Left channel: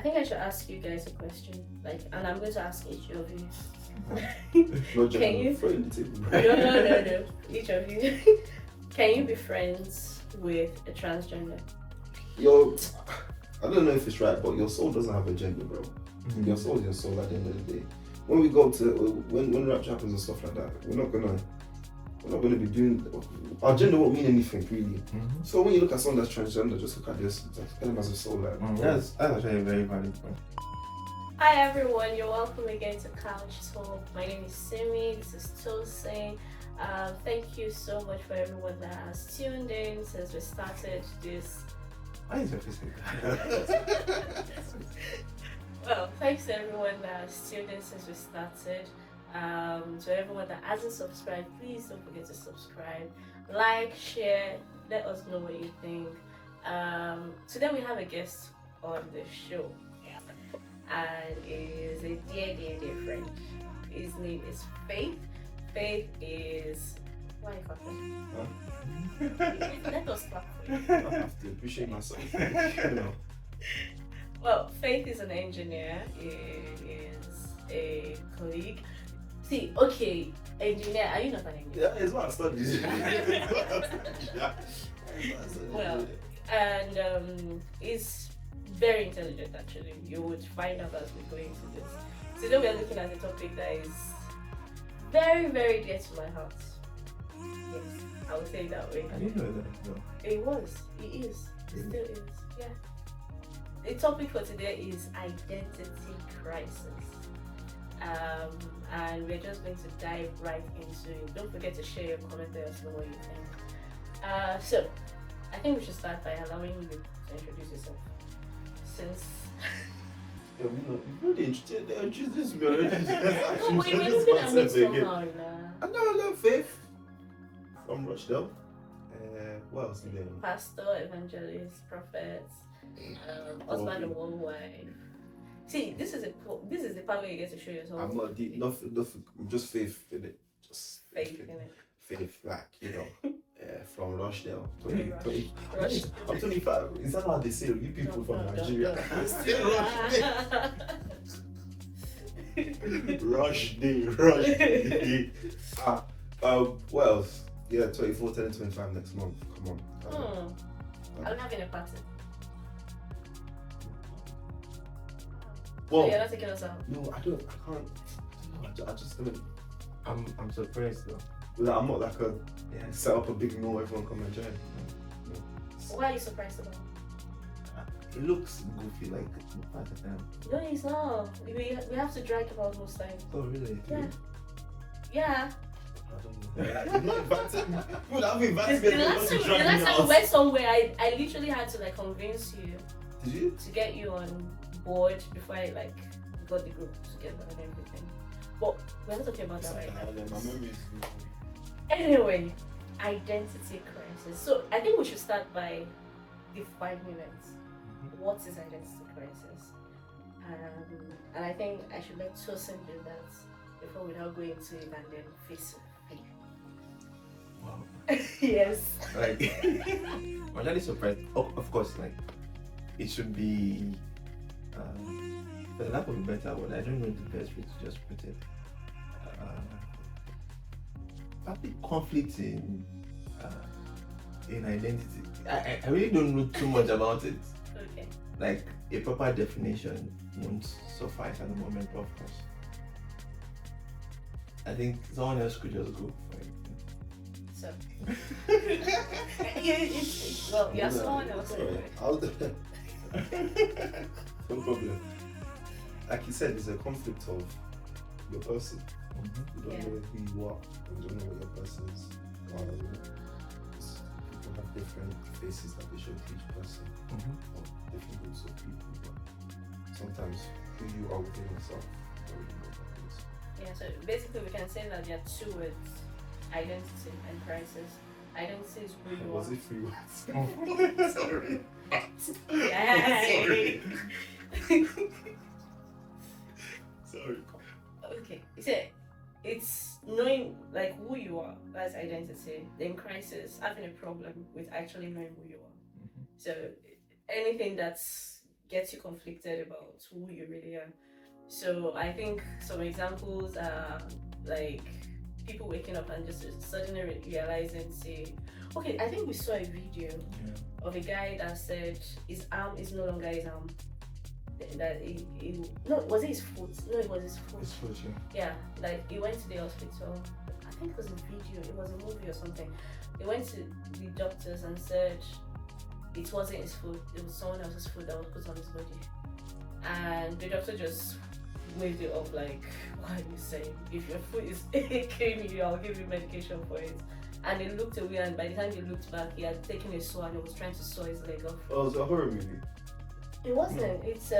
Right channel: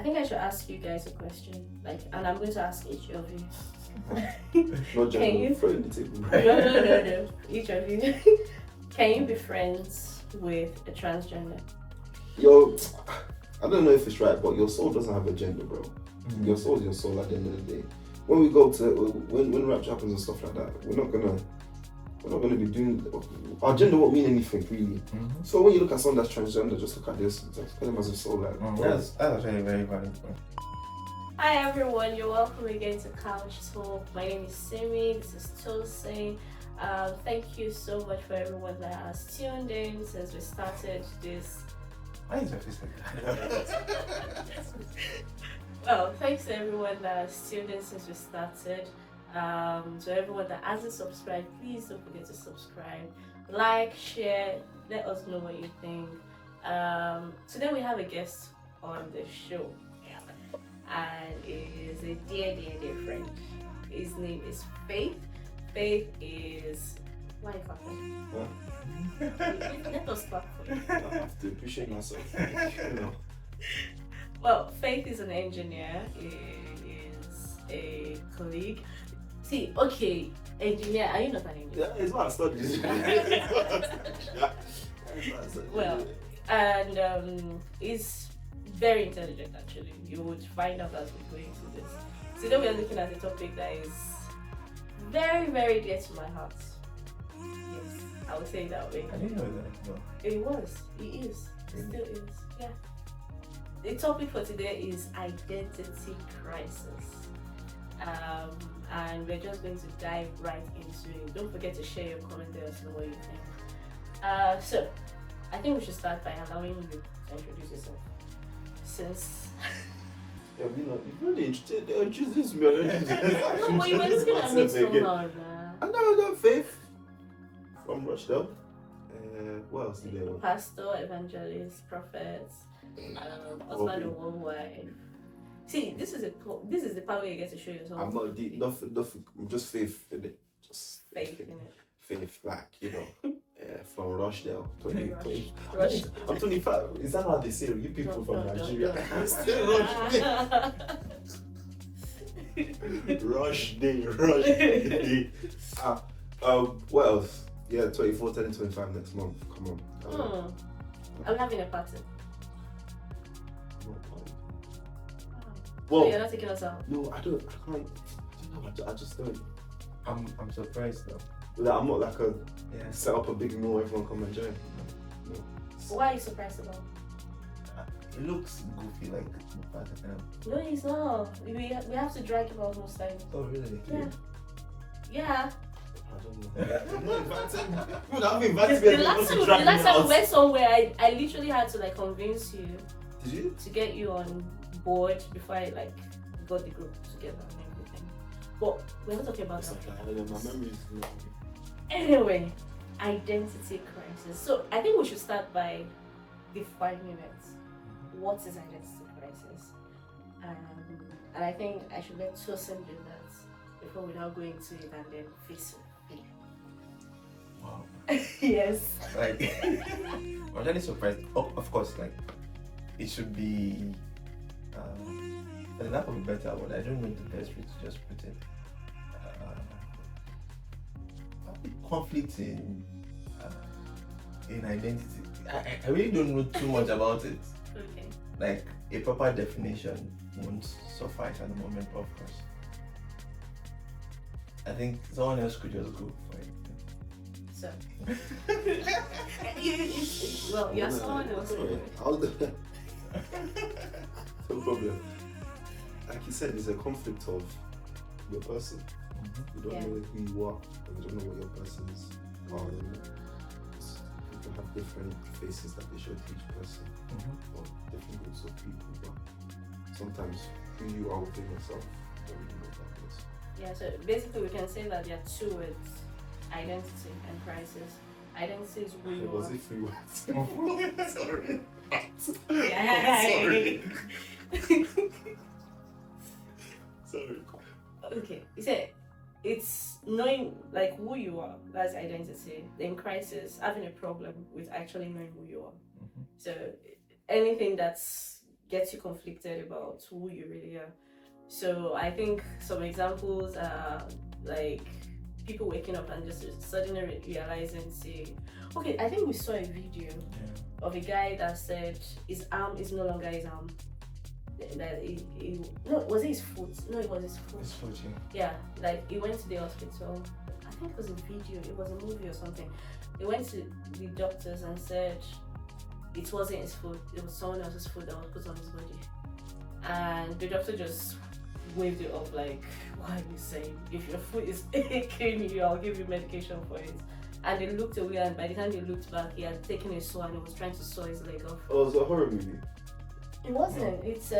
I think I should ask you guys a question, and I'm going to ask each of you. Not Can you? No. Each of you. Can you be friends with a transgender? Yo, I don't know if it's right, but your soul doesn't have a gender, bro. Your soul is your soul at the end of the day. When we go to when rapture happens and stuff like that, we're not gonna be doing our gender won't mean anything really. So when you look at someone that's transgender, just look at this. Them as a soul, That's actually a very valid point. Hi everyone, you're welcome again to Couch Talk. My name is Sinmi, this is Tosin. Thank you so much for everyone that has tuned in since we started this. Why is that Well, thanks to everyone that has tuned in since we started. To everyone that hasn't subscribed, please don't forget to subscribe, like, share, let us know what you think. Today we have a guest on the show, and is a dear friend. His name is Faith. Faith is why are you clapping? Let us clap. I have to appreciate myself. Well, Faith is an engineer. He is a colleague. See, okay, engineer. Are you not an engineer? Yeah, it's what I studied. Well, and he's very intelligent actually. You would find out as we go into this. Today we are looking at a topic that is very, very dear to my heart. Yes, I would say it that way. I didn't know that. No. It was. It is. It still is. Yeah. The topic for today is identity crisis. And we're just going to dive right into it. Don't forget to share your comment there to know what you think. So, I think we should start by allowing you to introduce yourself. Since Yeah, you really introduced me already. no, but you were looking at me somehow. I know Faith from Rochdale. What else did they know? Pastor, evangelist, prophet, husband and one wife. See, this is the part where you get to show yourself. I'm not deep, nothing, just Faith in it. Just Faith in it. Faith, like, from Rochdale. 20. I'm 25. Is that how they say? You people from Nigeria. Rush day. What else? Yeah, 24, 30, 25 next month. Come on. I'm having a party. Well, so you're not taking us out? No, I can't. I just don't. I'm surprised though. Like, I'm not like set up a big meal, everyone come and join. No. What are you surprised about? It looks goofy, like at the time. No, it's not. We have to drag about most times. Oh really? Yeah. I don't know. You're not inviting me. You would have invited me. The last time we went somewhere, I literally had to convince you. Did you? To get you on board before I got the group together and everything. But we're not talking about that right now. My memory is not. Anyway, identity crisis. So I think we should start by defining it. What is identity crisis? And I think I should let Tosin do that before we now go into it and then fix it. Wow. Yes. I'm really surprised. Of course, it should be, for the lack of a better word, I don't know the best way to just put it. A bit conflict in identity. I really don't know too much about it. Okay. A proper definition won't suffice at the moment, of course. I think someone else could just go for it. So, well, you're someone else. No problem. Like you said, there's a conflict of your person. You don't know who you are, and you don't know what your person is. You can have different faces that they show to each person, or different groups of people. But sometimes who you are within yourself, you don't really know about this. Yeah, so basically we can say that there are two words: identity and crisis. Identity is who you are. Was it 3 words? Sorry. Sorry. Okay, you said it's knowing who you are, that's identity. Then crisis, having a problem with actually knowing who you are. So anything that's gets you conflicted about who you really are. So I think some examples are like people waking up and just suddenly realizing, say, okay, I think we saw a video of a guy that said his arm is no longer his arm. That no, was it his foot? No, it was his foot. His foot, Yeah, like he went to the hospital. I think it was a video, it was a movie or something. He went to the doctors and said it wasn't his foot, it was someone else's foot that was put on his body. And the doctor just waved it off like, what are you saying? If your foot is aching you, I'll give you medication for it. And they looked away, and by the time they looked back, he had taken a saw and he was trying to saw his leg off. Oh, it's a horror movie. It wasn't. It's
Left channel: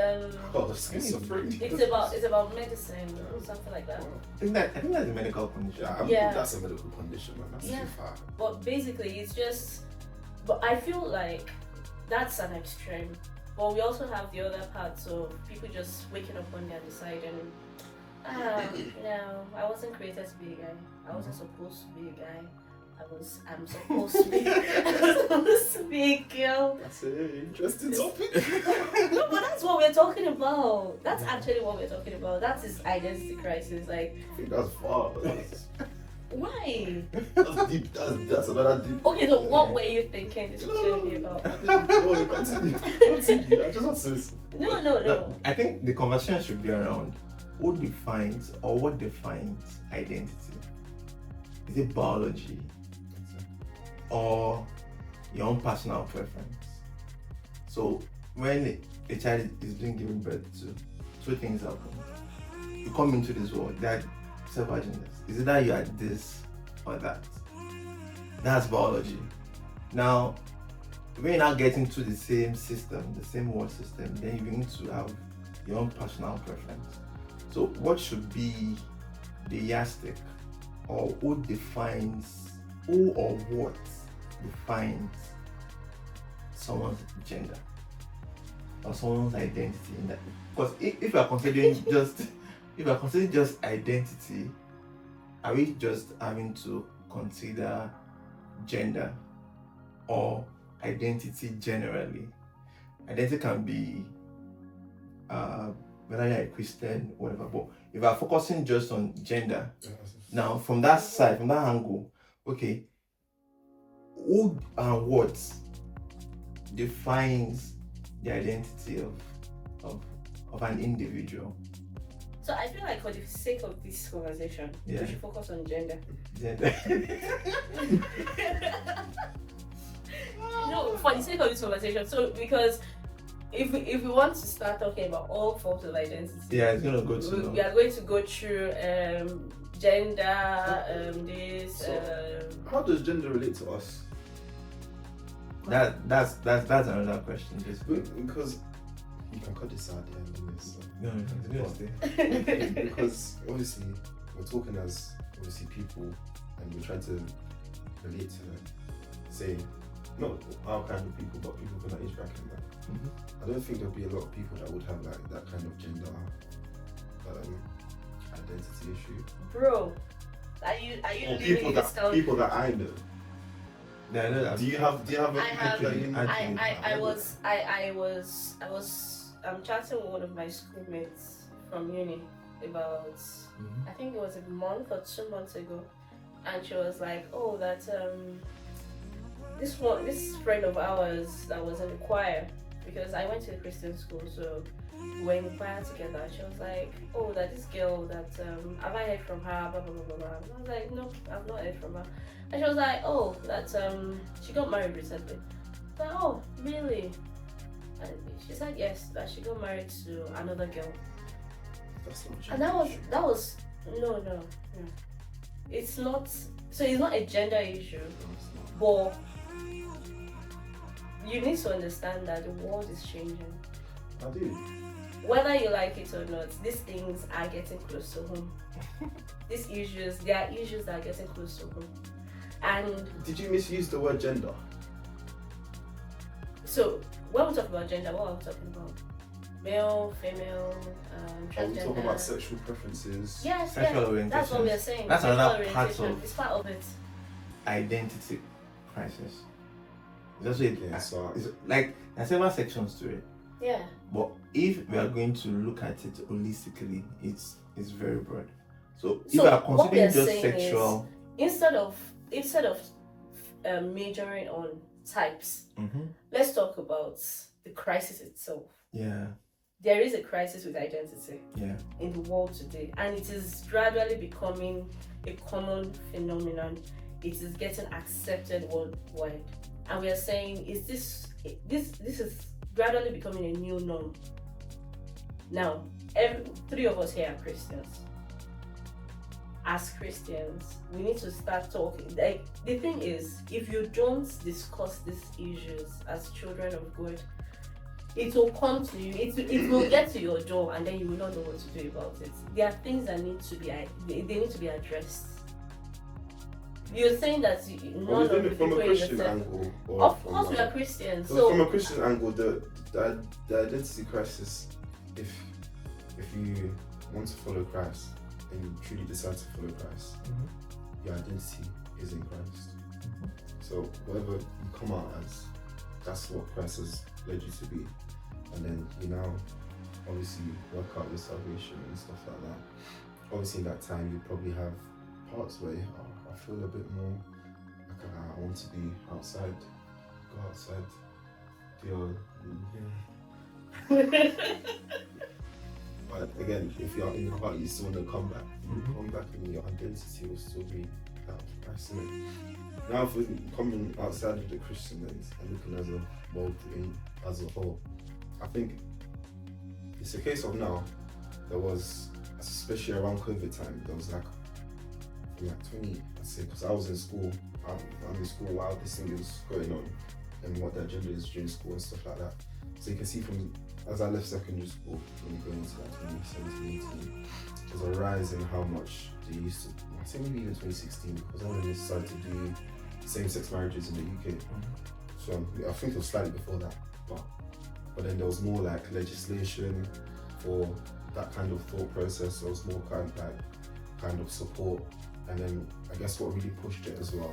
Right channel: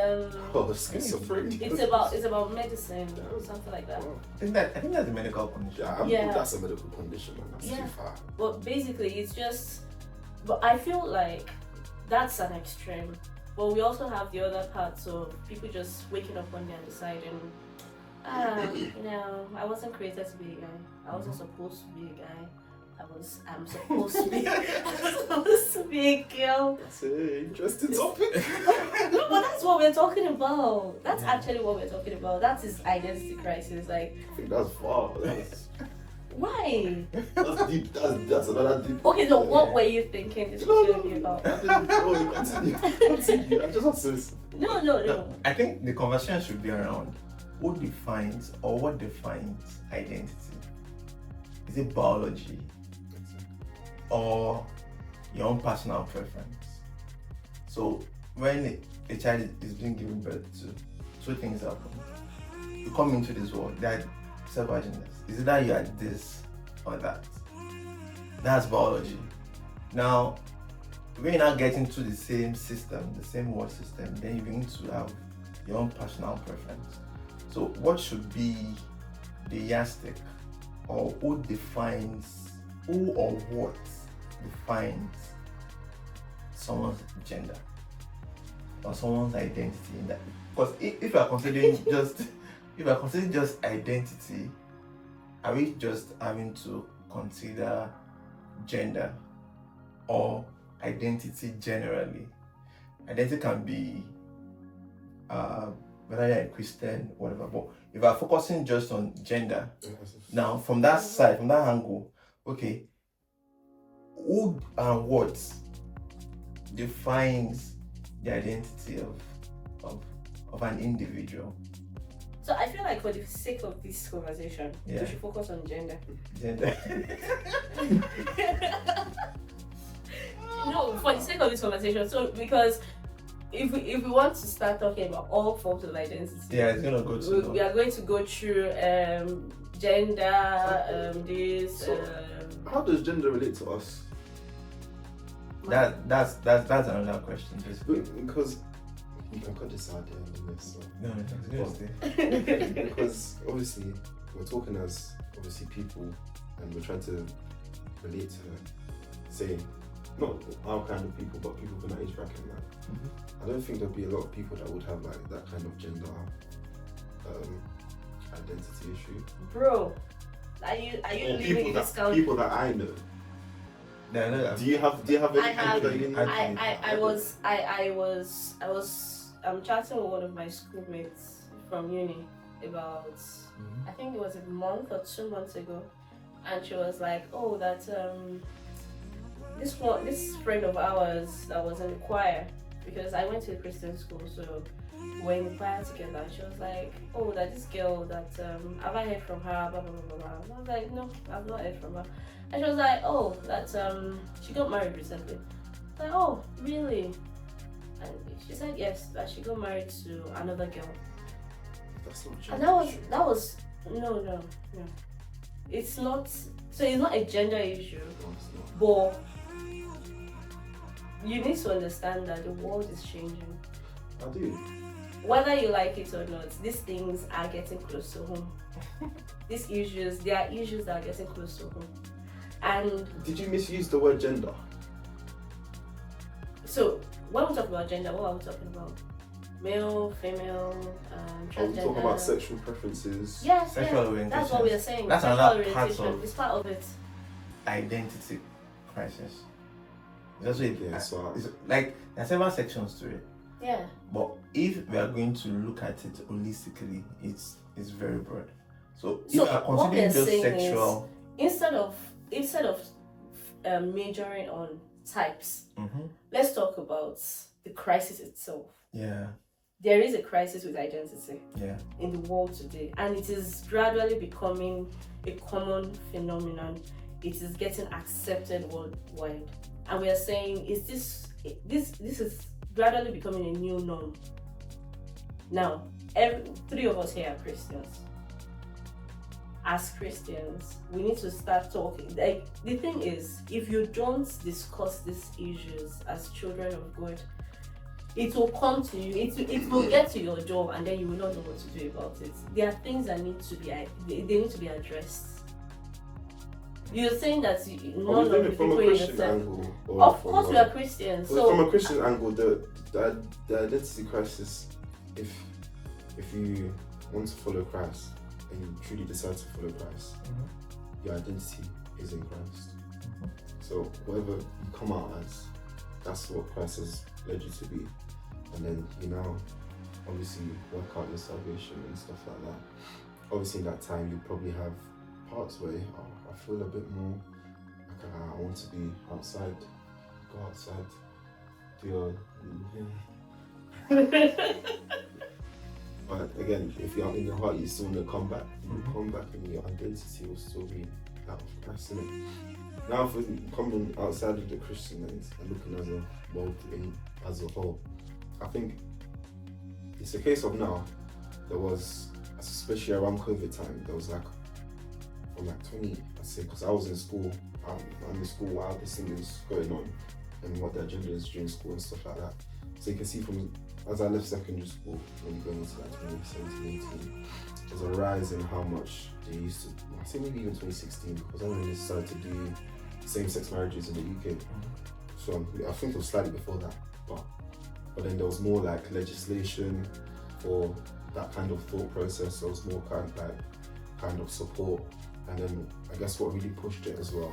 Oh, schizophrenia. it's about medicine or something like that. I think that's a medical condition. Yeah, I mean, that's a medical condition, man. That's too far. But basically, it's just. But I feel like that's an extreme. But we also have the other parts of people just waking up one day and deciding, no, I wasn't created to be a guy. I wasn't supposed to be a guy. I'm supposed to be. I'm supposed to be a girl. That's an interesting topic. No, but that's what we're talking about. That's actually what we're talking about. That's his identity crisis. Like, I think that's far. why? That's deep. That's another deep. Okay, so what were you thinking this was going to be about? Continue. I just want to say. No. I think the conversation should be around who defines or what defines identity. Is it biology or your own personal preference? So when a child is being given birth to, two things happen. You come into this world, there are several genders. Is it that you are this or that? That's biology. Now, when you now get into the same system, the same world system, then you begin to have your own personal preference. So what should be the yardstick, or who or what defines someone's gender or someone's identity in that? Because if you are considering just identity, are we just having to consider gender or identity generally? Identity can be whether you're a Christian, whatever. But if we're focusing just on gender, now from that side, from that angle, okay, who and what defines the identity of an individual? So I feel like for the sake of this conversation, we should focus on gender. No, for the sake of this conversation. So because if we want to start talking about all forms of identity, it's gonna go to. We are going to go through gender, this. So how does gender relate to us? That's another question. Just because you can cut this out there. So. No, because obviously we're talking as obviously people, and we're trying to relate to say not our kind of people, but people from that age bracket. I don't think there'll be a lot of people that would have like that kind of gender identity issue. Bro, are you people that I know? Yeah, do you have I'm chatting with one of my schoolmates from uni about I think it was a month or 2 months ago, and she was like, oh, that this friend of ours that was in the choir, because I went to a Christian school, so we were in the choir together. She was like, oh, that this girl that have I heard from her, blah blah blah blah. And I was like, no, I've not heard from her. And she was like, oh, that she got married recently. I was like, oh, really? And she said yes, that she got married to another girl. That's not and that was no. It's not. So it's not a gender issue, but you need to understand that the world is changing. I do. Whether you like it or not, these things are getting close to home. There are issues that are getting close to home. And did you misuse the word gender? So when we talk about gender, what are we talking about? Male, female, transgender. Are we talking about sexual preferences? Yes, sexual orientation. That's what we are saying. That's sexual another orientation. part of it's part of it. Identity crisis. It's also so it's like there's several sections to it. Yeah. But if we are going to look at it holistically, it's very broad. So if So we are what we are considering just saying sexual, is, instead of majoring on types, let's talk about the crisis itself. yeah, There is a crisis with identity yeah, in the world today, and it is gradually becoming a common phenomenon. It is getting accepted worldwide, and we are saying, is this is gradually becoming a new norm. Now, three of us here are Christians. As Christians, we need to start talking. Like, the thing is, if you don't discuss these issues as children of God, it will come to you. It will get to your door, and then you will not know what to do about it. There are things that need to be they need to be addressed. You're saying that none of the people in the angle, of course, we are Christians. So from a Christian angle, the identity crisis, if you want to follow Christ and you truly decide to follow Christ, your identity is in Christ. So whatever you come out as, that's what Christ has led you to be. And then you now obviously work out your salvation and stuff like that. Obviously in that time you probably have parts where I feel a bit more like I want to be outside, go outside, do but again, if you're in your heart, you still want to come back. You come back, and your identity will still be that of Christ. Now, if we're coming outside of the Christian lens and looking as a world as a whole, I think it's a case of now. There was, especially around COVID time, there was like from like 20, I say, because I was in school. I'm in school while this thing was going on and what the agenda is during school and stuff like that. So you can see from as I left secondary school, when going into like 2017, 18, there's a rise in how much they used to, I say maybe even 2016, because I when they started to do same-sex marriages in the UK. So I think it was slightly before that, but then there was more like legislation for that kind of thought process. There was more kind of support, and then I guess what really pushed it as well,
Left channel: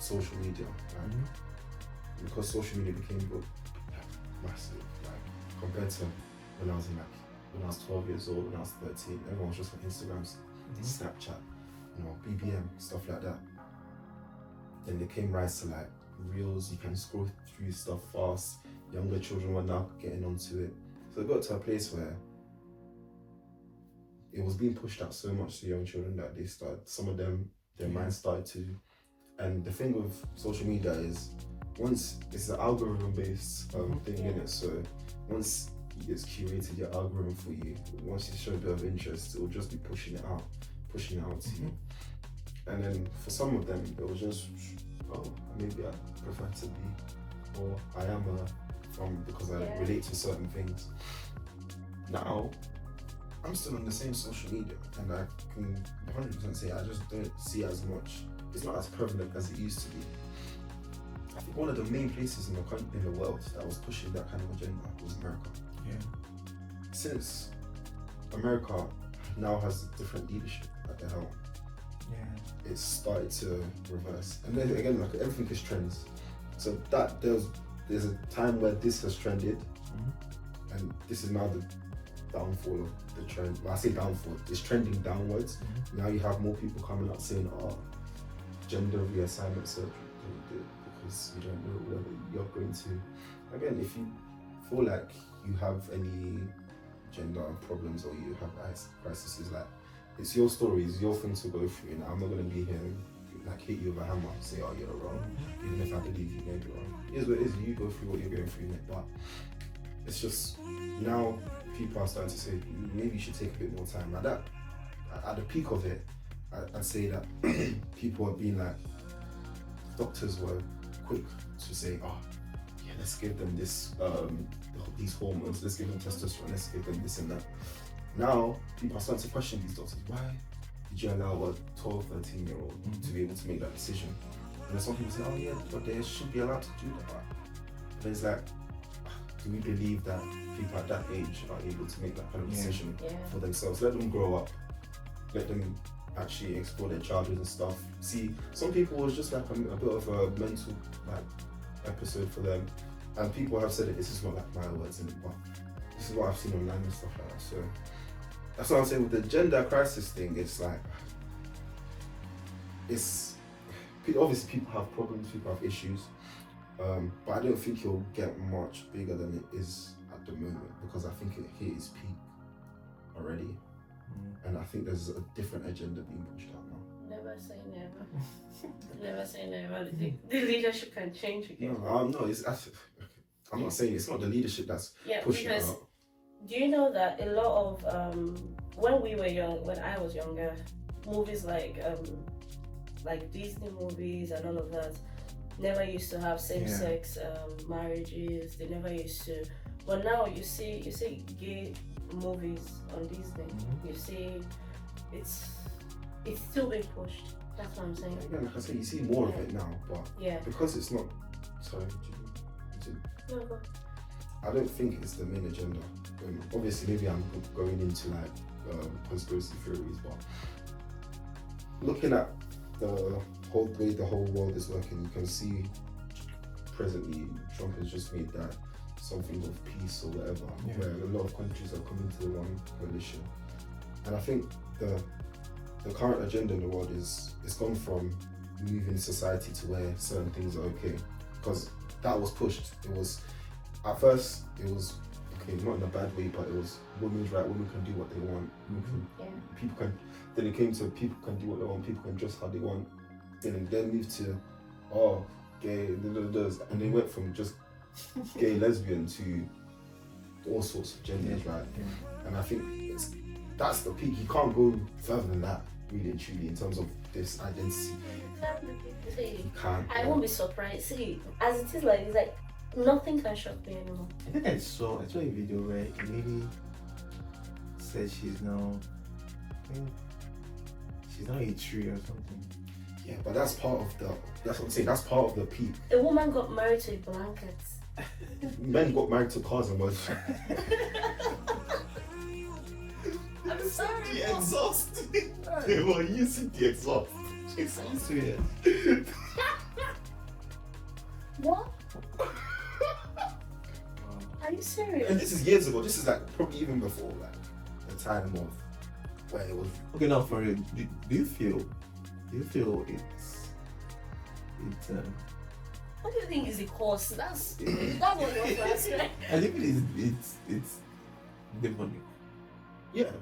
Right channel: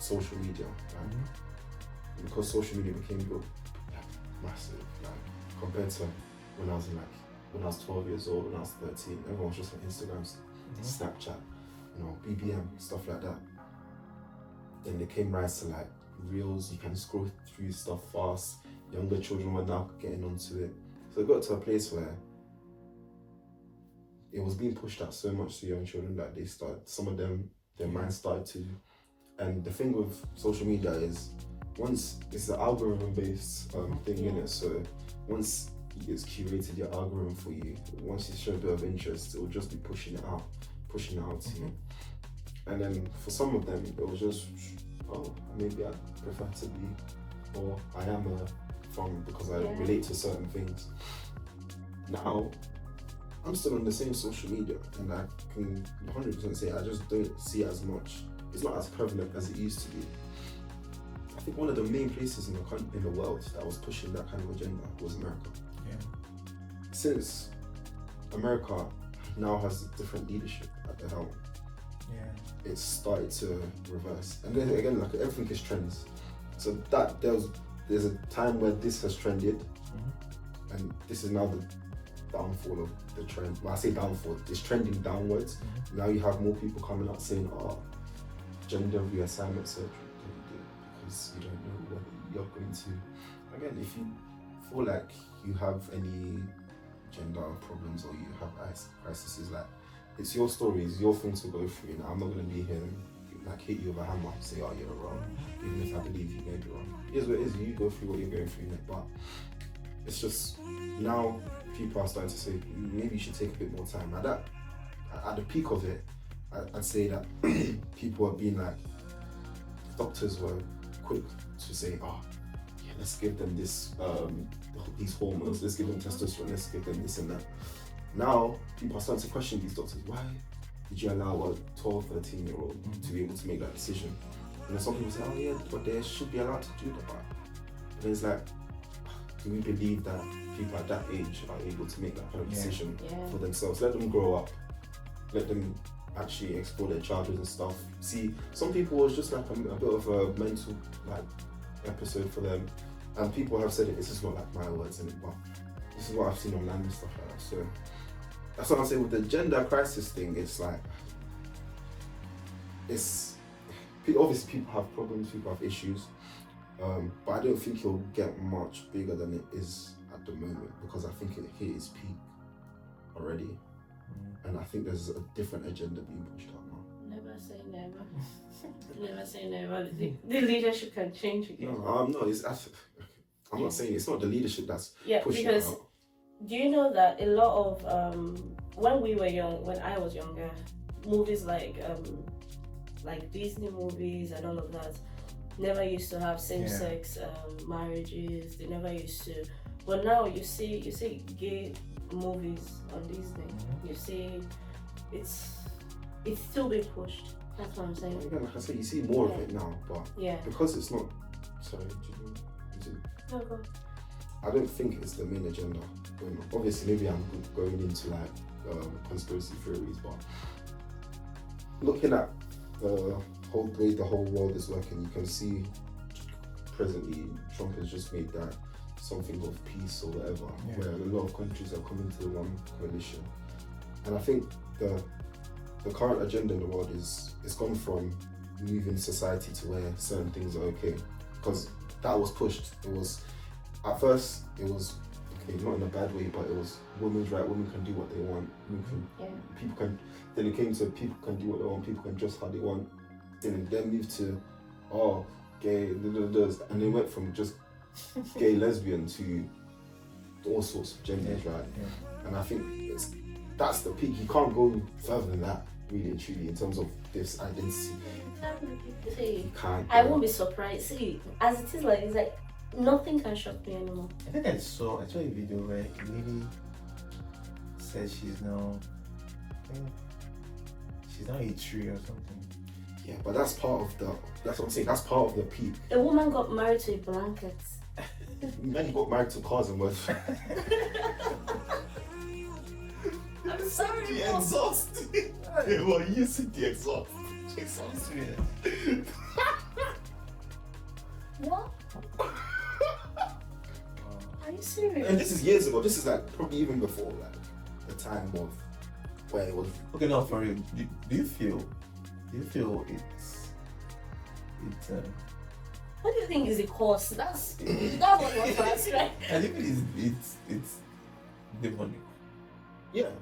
social media, because social media became massive, like compared to when I was 12 years old, when I was 13, everyone was just on Instagram, Snapchat, BBM, stuff like that. Then they came rise to like reels, you can scroll through stuff fast. Younger children were now getting onto it. So it got to a place where it was being pushed out so much to young children that some of them, their minds started to, and the thing with social media is, once it's an algorithm-based thing in it, so once it's curated your algorithm for you, once you show a bit of interest, it will just be pushing it out to you. And then for some of them, it was just, maybe I prefer to be, or I am because I relate to certain things. Now, I'm still on the same social media, and I can 100% say I just don't see as much. It's not as prevalent as it used to be. I think one of the main places in the world that was pushing that kind of agenda was America. Since America now has different leadership at the helm, it's started to reverse. And then again, like everything is trends. So that there's a time where this has trended, and this is now the downfall of the trend. When I say downfall, it's trending downwards. Now you have more people coming out saying, gender reassignment surgery, because you don't know whether you're going to. Again, if you feel like you have any gender problems or you have crises, like, it's your story, it's your thing to go through. I'm not going to be here and like hit you with a hammer and say, you're wrong, even if I believe you may be wrong. It is what it is, you go through what you're going through, but it's just, now people are starting to say, maybe you should take a bit more time. At the peak of it, I'd say that people are being like, doctors were quick to say, let's give them this, these hormones, let's give them testosterone, let's give them this and that. Now, people are starting to question these doctors. Why did you allow a 12, 13-year-old to be able to make that decision? And then some people say, but they should be allowed to do that. And it's like, do we believe that people at that age are able to make that kind of decision for themselves? Let them grow up. Let them actually explore their childhood and stuff. See, some people, it was just like a bit of a mental episode for them. and people have said it. This is not like my words, in it, but this is what I've seen online and stuff like that. So that's what I'm saying with the gender crisis thing. It's like obviously people have problems, people have issues, but I don't think it'll get much bigger than it is at the moment, because I think it hit its peak already, and I think there's a different agenda being pushed out now. Never say never. Never say never. The leadership can change again. I'm not saying it's not the leadership that's pushing because it out. do you know that a lot of when we were young, when I was younger, movies like Disney movies and all of that never used to have same-sex marriages. They never used to. But now you see gay movies on Disney. You see it's still being pushed. That's what I'm saying. Yeah, like I said, you see more of it now, but because it's not. Sorry, No, go. I don't think it's the main agenda. Obviously, maybe I'm going into like conspiracy theories, but looking at the whole way the whole world is working, you can see presently Trump has just made that something of peace or whatever, where a lot of countries are coming to one coalition, and I think the current agenda in the world is gone from moving society to where certain things are okay, because that was pushed. It was at first okay, not in a bad way, but it was women's right. Women can do what they want. People can. Then it came to people can do what they want. People can dress how they want. Then moved to gay, and they went from just gay lesbian to all sorts of genders, right? And I think that's the peak. You can't go further than that, really and truly, in terms of this identity. See, You can't. I won't be surprised. See, as it is, it's like nothing can shock me anymore. I think I saw a video where a lady said she's now a tree or something. Yeah, but that's part of that's what I'm saying, that's part of the peak. A woman got married to a blanket. Men got married to cars and words. I'm sorry. The exhaust. They were using the exhaust. It sounds weird. What? Are you serious? And this is years ago. This is like probably even before like the time of where it was. Okay, now for real, do you feel it's What do you think is the cause? That's what was first, right? I think it's demonic. Yeah.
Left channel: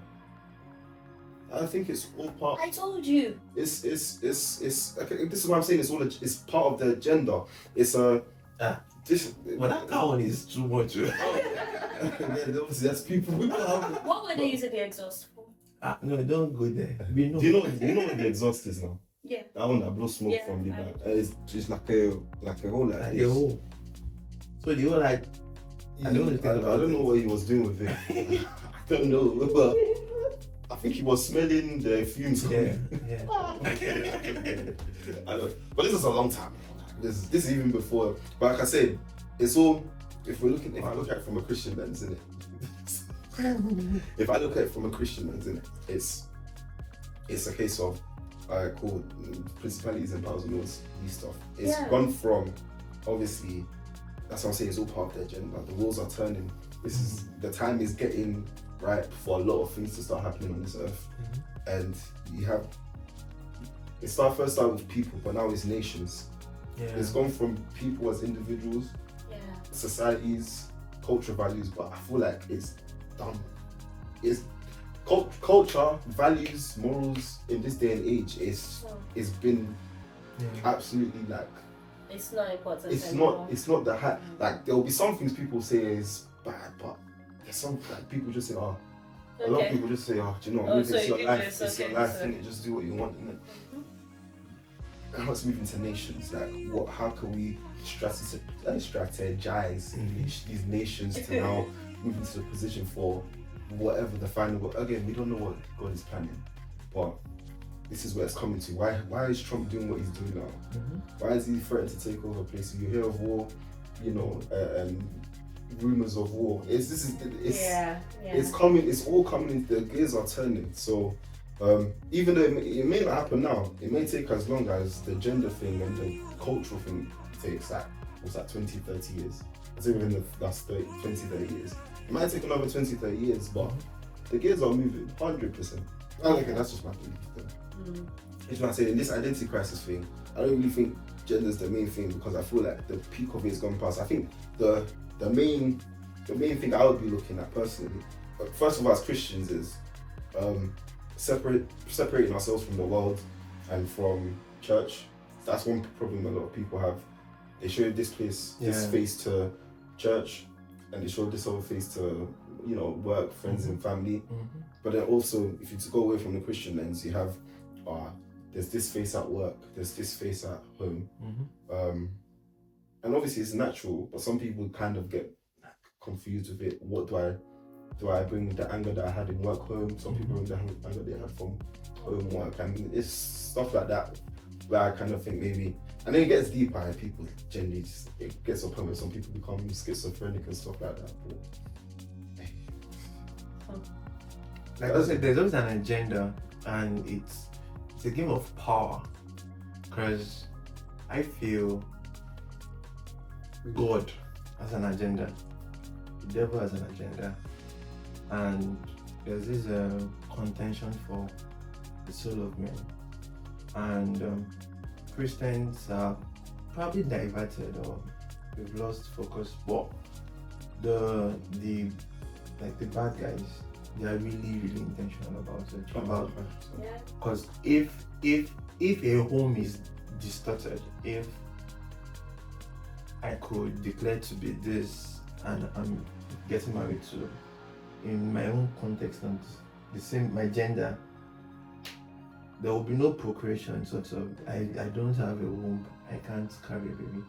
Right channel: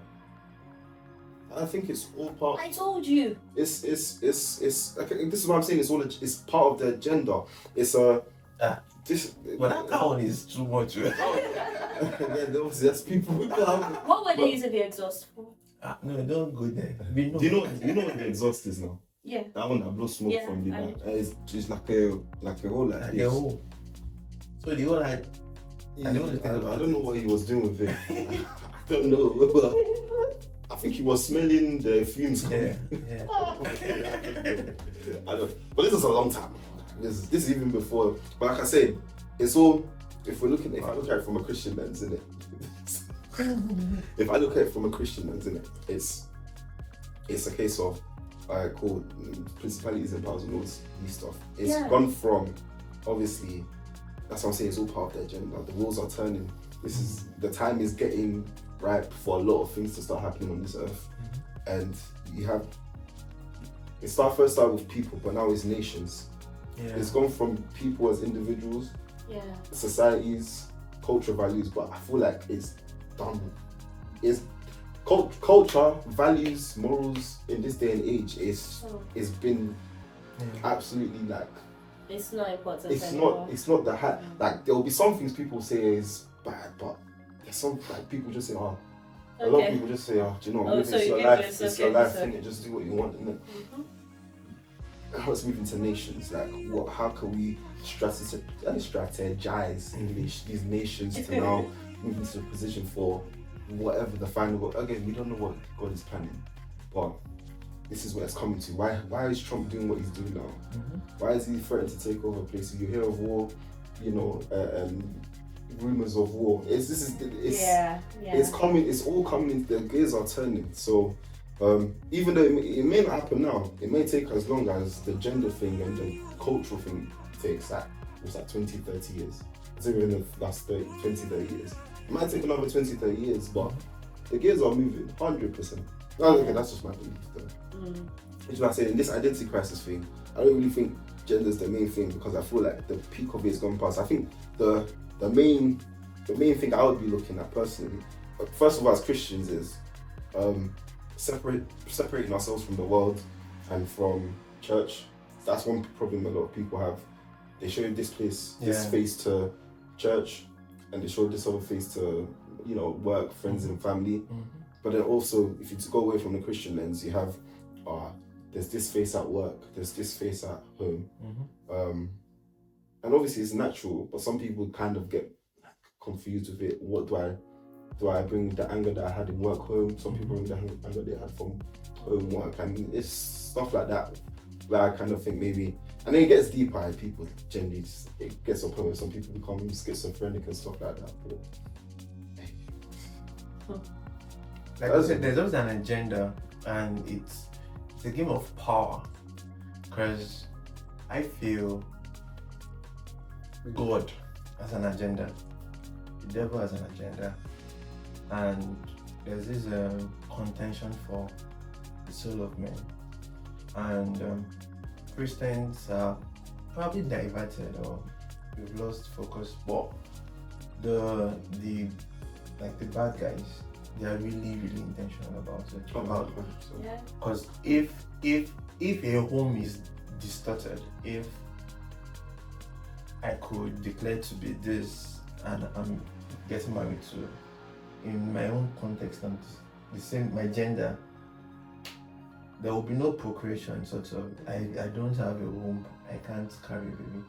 I think it's all part. I told you. It's okay, this is what I'm saying. It's part of the agenda. It's this. Well, that one is too much. And then there's people who have. What were they using the exhaust for? No, don't go there. Do you know what the exhaust is now? Yeah. That one that blows smoke from the back. It's just like a hole like this. A hole. So the whole like. I don't know what he was doing with it. I don't know, but I think he was smelling the fumes. Yeah. I don't. But this is a long time. This is even before. But like I said, it's all. If I look at it from a Christian lens, isn't it? If I look at it from a Christian lens, isn't it? It's a case of called principalities and powers and all this stuff. It's gone from, obviously, that's what I'm saying, it's all part of the agenda. The wheels are turning. The time is getting right for a lot of things to start happening on this earth. And you have, first started with people, but now it's nations. It's gone from people as individuals, societies, cultural values, but I feel like it's done. It's culture, values, morals in this day and age it's been absolutely like it's not important. It's not the hat. Like there will be some things people say is bad, but there's some like people just say, a lot of people just say, do you know, it's your life, it's your life, and just do what you want, innit? Now it's moving to nations. Like, how can we strategize these nations to now move into a position for whatever the final? Again, we don't know what God is planning, but this is where it's coming to. Why is Trump doing what he's doing now? Why is he threatening to take over places? You hear of war, rumors of war. It's coming. It's all coming. The gears are turning. So. Even though it may not happen now, it may take as long as the gender thing and the cultural thing takes 20, 30 years. say within the last 20, 30 years. It might take another 20, 30 years, but the gears are moving 100%. Okay, that's just my belief though. Which is why I say in this identity crisis thing, I don't really think gender's the main thing, because I feel like the peak of it's gone past. I think the main thing I would be looking at personally, first of all as Christians, is separating ourselves from the world and from church. That's one problem a lot of people have. They show this face to church, and they show this other face to, you know, work, friends and family. But then also, if you go away from the Christian lens, you have there's this face at work, there's this face at home. And obviously it's natural, but some people kind of get confused with it. What do I bring the anger that I had in work home? Some people bring the anger they had from home work. I mean, it's stuff like that where I kind of think maybe, and then it gets deeper and people generally it gets to a point where some people become schizophrenic and stuff like that. Like I said, there's always an agenda, and it's a game of power, because I feel God has an agenda, the devil has an agenda, and there's this contention for the soul of man, and Christians are probably diverted, or we've lost focus, but the bad guys, they are really intentional about it. Because if a home is distorted, if I could declare to be this and I'm getting married to, in my own context and the same, my gender, there will be no procreation, sort of. I don't have a womb, I can't carry a baby.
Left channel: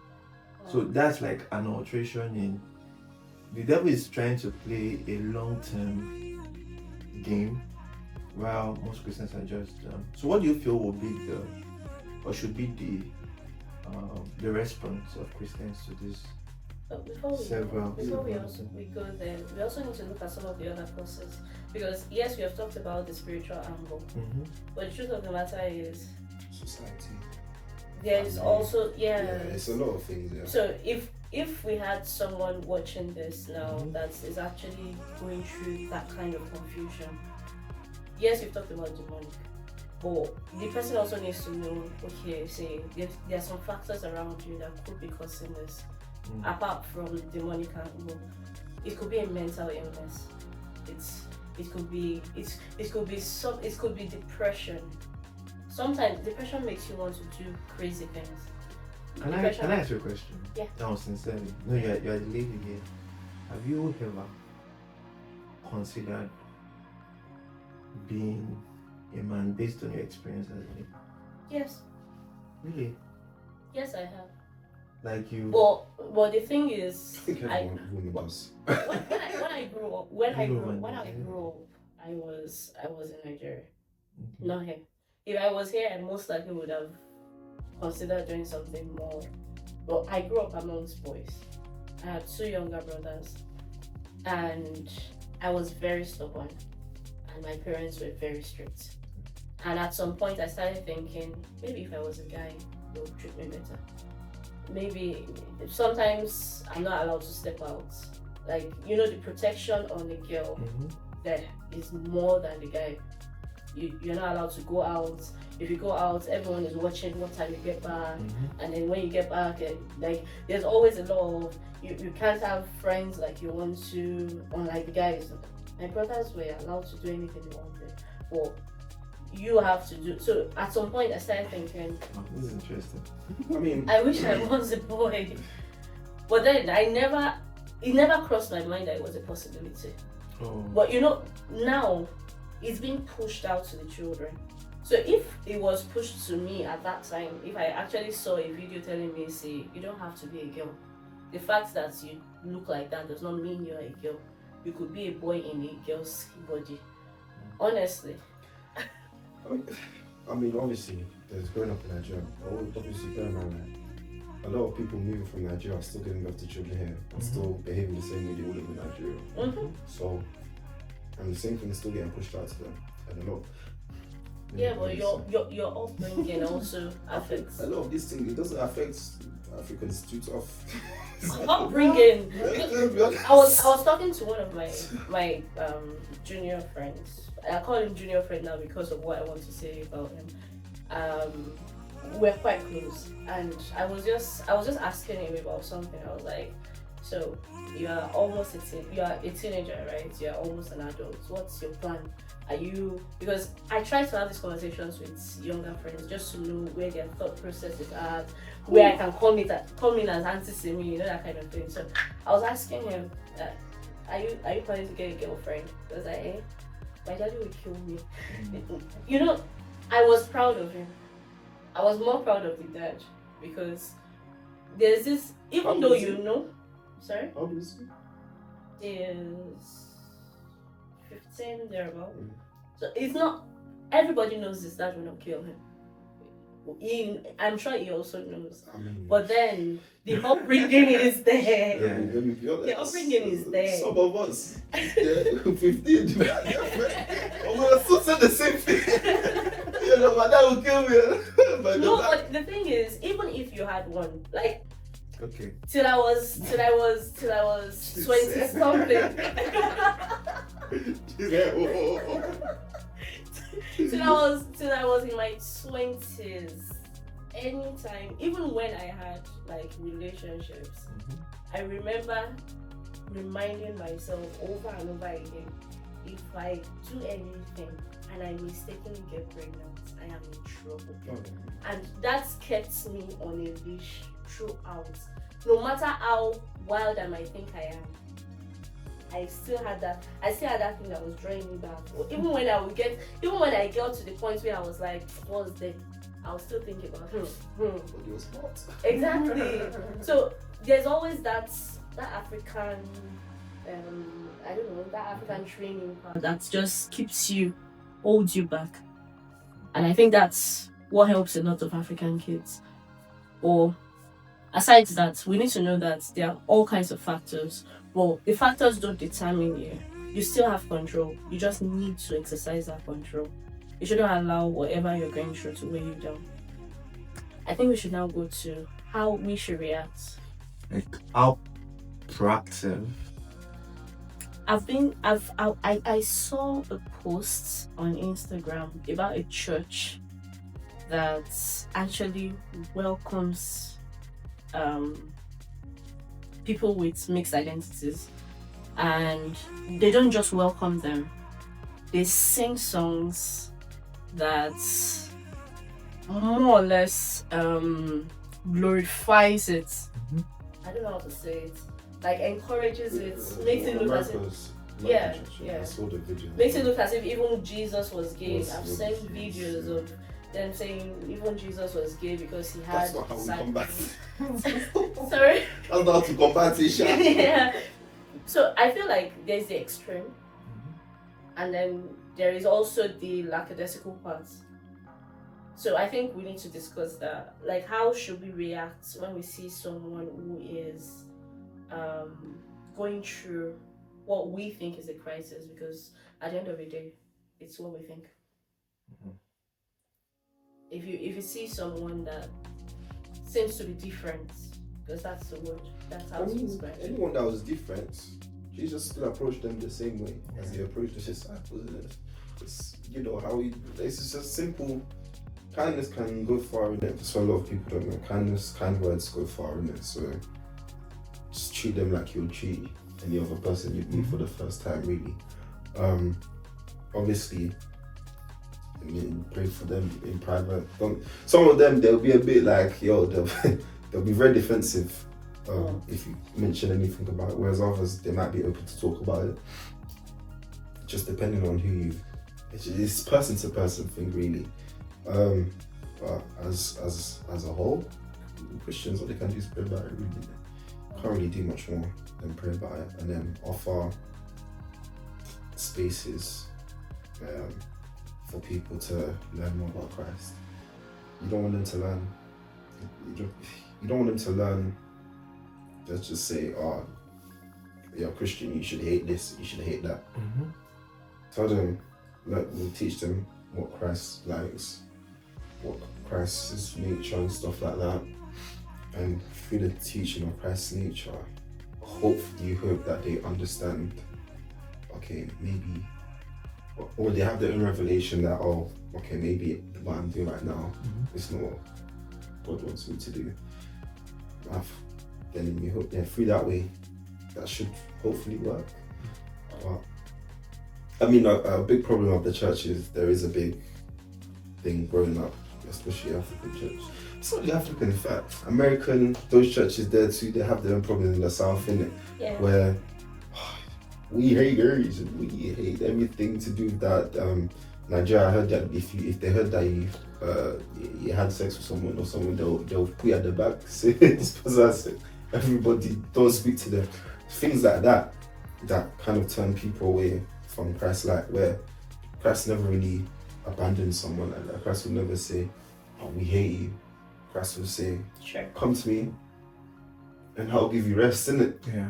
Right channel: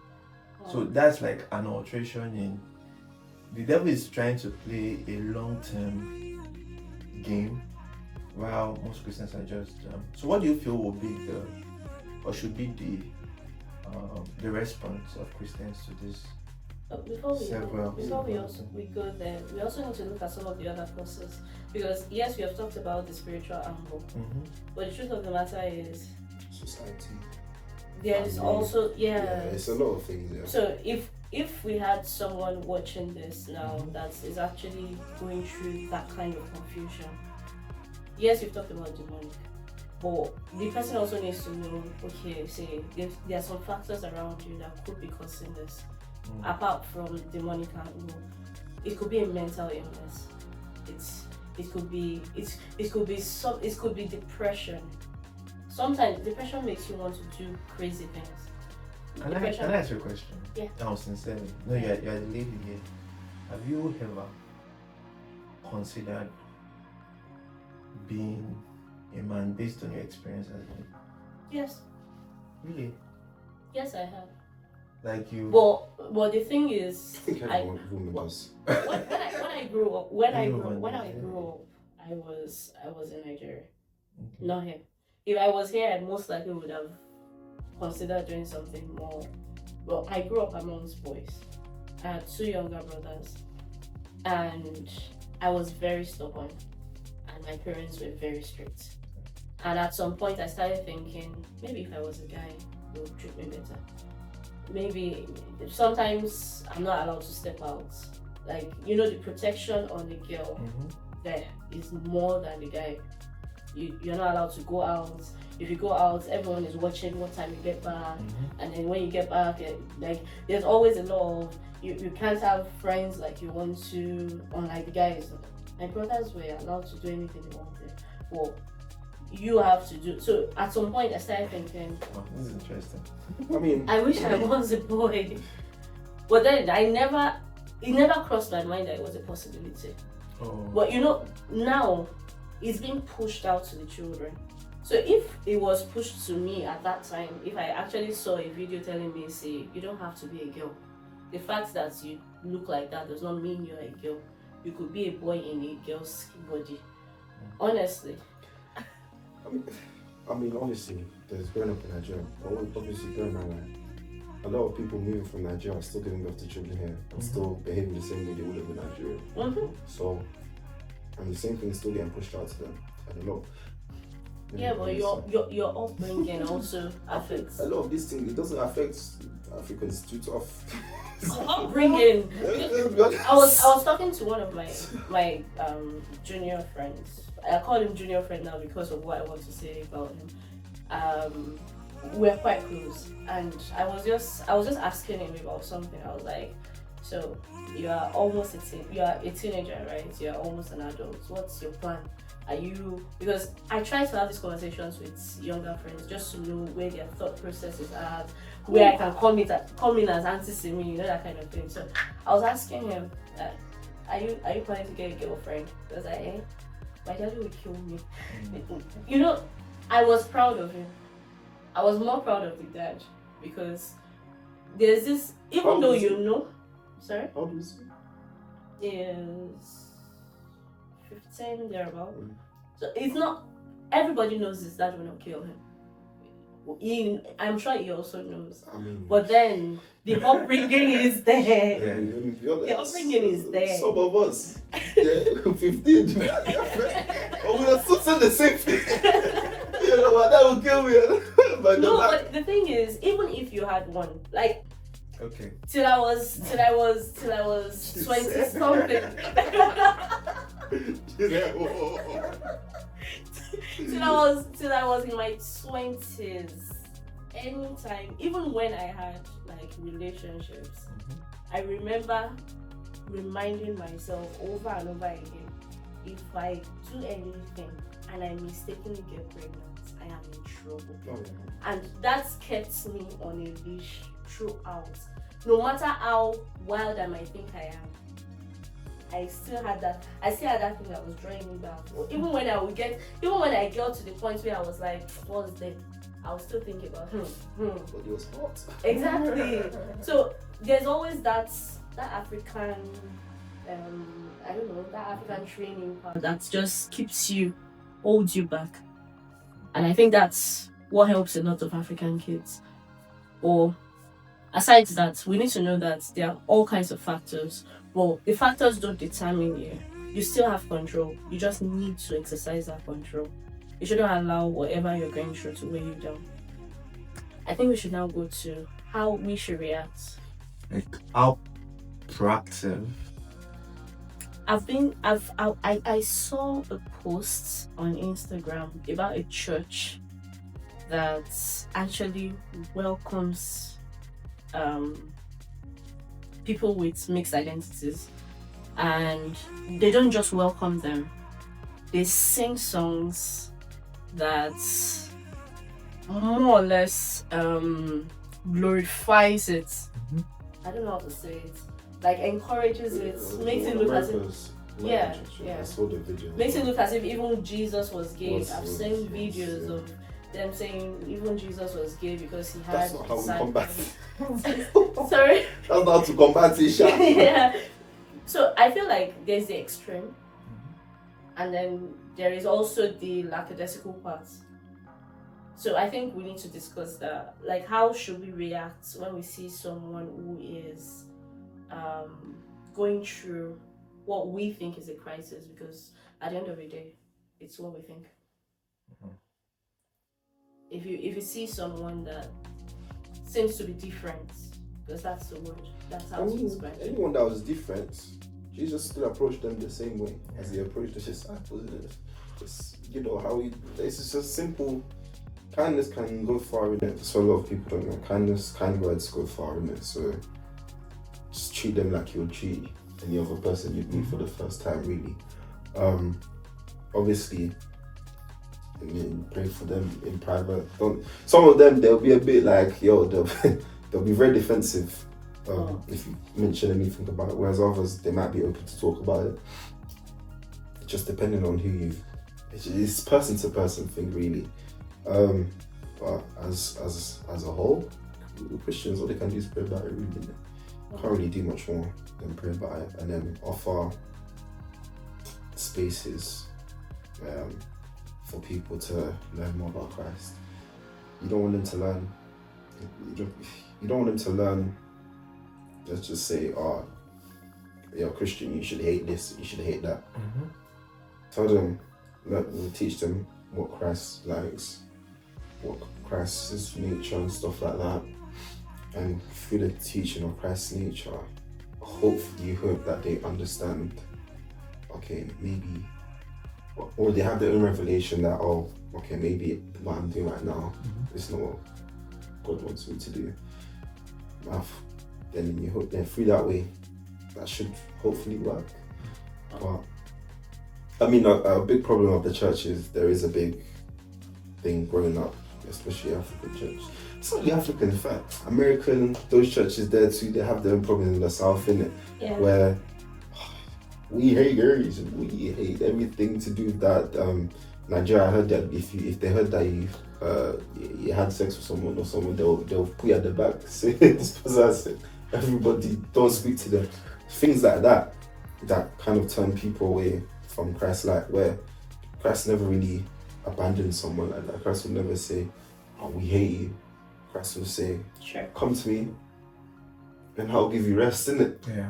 So that's like an alteration in, the devil is trying to play a long-term game, while most Christians are just so what do you feel will be should be the response of Christians to this? Before we go there, we also need to look at some of the other causes, because yes, we have talked about the spiritual angle, but the truth of the matter is society. There's also it's a lot of things. So if we had someone watching this now that is actually going through that kind of confusion, yes, we've talked about demonic, but the person also needs to know, okay, say there are some factors around you that could be causing this, apart from demonic angle. It could be a mental illness. It could be depression. Sometimes depression makes you want to do crazy things. Can I ask you a question? Yeah. Now, sincerely, no, you're the lady here. Have you ever considered being a man based on your experience as a lady? Yes. Really? Yes, I have. Like you. But the thing is, I think everyone woman does. when I grew up, I was in Nigeria, not here. If I was here, I most likely would have considered doing something more. But I grew up amongst boys. I had 2 younger brothers, and I was very stubborn, and my parents were very strict. And at some point, I started thinking, maybe if I was a guy, they would treat me better. Maybe sometimes I'm not allowed to step out. Like, you know, the protection on the girl there is more than the guy. You're not allowed to go out. If you go out, everyone is watching what time you get back, and then when you get back, like there's always a lot of you can't have friends like you want to, unlike the guys. My brothers were allowed to do anything they wanted, but you have to do. So at some point, I started thinking, this is interesting. I mean, I wish I was a boy, but then it never crossed my mind that it was a possibility. But you know, now it's being pushed out to the children. So if it was pushed to me at that time, if I actually saw a video telling me, say, you don't have to be a girl. The fact that you look like that does not mean you're a girl. You could be a boy in a girl's body. Honestly. I mean, honestly, there's growing up in Nigeria. Obviously, growing up, a lot of people moving from Nigeria are still giving birth to children here and still behaving the same way they would have in Nigeria. So, and the same thing is still getting pushed out to them. I don't know. Yeah, but your upbringing also affects. A lot of these things, it doesn't affect Africans too tough. upbringing. I was talking to one of my junior friends. I call him junior friend now because of what I want to say about him. We're quite close, and I was just asking him about something. I was like, so you are almost 18, you are a teenager, right? You're almost an adult. What's your plan? Are you, because I try to have these conversations with younger friends just to know where their thought process is at, where I can come in as Auntie Sinmi, you know, that kind of thing. So I was asking him, are you planning to get a girlfriend? Because my daddy would kill me. You know, I was proud of him. I was more proud of the dad because there's this, even though you know, sorry? How old is he? Is 15 thereabout. So it's not, everybody knows his dad will not kill him. I'm sure he also knows. But then the upbringing is there. Yeah. Let me be honest. The upbringing is there. Some of us, 15. We were still saying the same thing. You know, my dad will kill me. No, but the thing is, even if you had one, like, okay, till I was 20 something. till I was in my 20s. Anytime, even when I had like relationships, I remember reminding myself over and over again, if I do anything and I mistakenly get pregnant, I am in trouble. And that's kept me on a leash throughout. No matter how wild I might think I am, I still had that thing that was drawing me back. Even when I got to the point where I was like, what's there? I was still thinking about But you were smart. Exactly. So there's always that African I don't know, that African training that just holds you back. And I think that's what helps a lot of African kids. Or aside that, we need to know that there are all kinds of factors. Well, the factors don't determine you. You still have control. You just need to exercise that control. You shouldn't allow whatever you're going through to weigh you down. I think we should now go to how we should react. like how proactive. I saw a post on Instagram about a church that actually welcomes people with mixed identities, and they don't just welcome them, they sing songs that more or less glorifies it. I don't know how to say it. Like encourages it, makes it look as if I saw the video. makes it look as if even Jesus was gay. I've seen videos of them saying even Jesus was gay because he had. That's not how we combat it. Sorry. That's not how to combat it, Sha. Yeah. So I feel like there's the extreme, and then there is also the lackadaisical part. So I think we need to discuss that. Like, how should we react when we see someone who is going through what we think is a crisis? Because at the end of the day, it's what we think. If you see someone that seems to be different, because that's the word, that's how to describe it. Anyone that was different, Jesus still approached them the same way as he approached the disciples. It's, you know, how it's just simple. Kindness can go far in it. So a lot of people don't know. Kind words go far in it. So just treat them like you'll treat any other person you meet for the first time, really. Obviously, you pray for them in private. Some of them, they'll be a bit like, yo, they'll be very defensive if you mention anything about it. Whereas others, they might be open to talk about it. Just depending on who you. It's person to person thing, really. But as a whole, Christians, all they can do is pray about it, really. Can't really do much more than pray about it, and then offer spaces for people to learn more about Christ. You don't want them to learn. You don't want them to learn. Let's just say, "Oh, you're a Christian. You should hate this. You should hate that." Tell them, teach them what Christ likes, what Christ's nature and stuff like that. and through the teaching of Christ's nature, hopefully you hope that they understand, okay, maybe, or they have their own revelation that, oh, okay, maybe what I'm doing right now is not what God wants me to do. Then you hope, then through that way, that should hopefully work. But I mean, a big problem of the church is there is a big thing growing up, especially African church. It's not the African, in fact. American, those churches there too, they have their own problems in the South, innit? Yeah. Where we hate girls, we hate everything to do with that. Nigeria, I heard that if they heard that you had sex with someone or someone, they'll put you at the back, say this person, everybody don't speak to them. Things like that kind of turn people away from Christ, like where Christ never really abandoned someone like that. Christ will never say, oh, we hate you. Christ will say, Sure. come to me and I'll give you rest, innit? Yeah.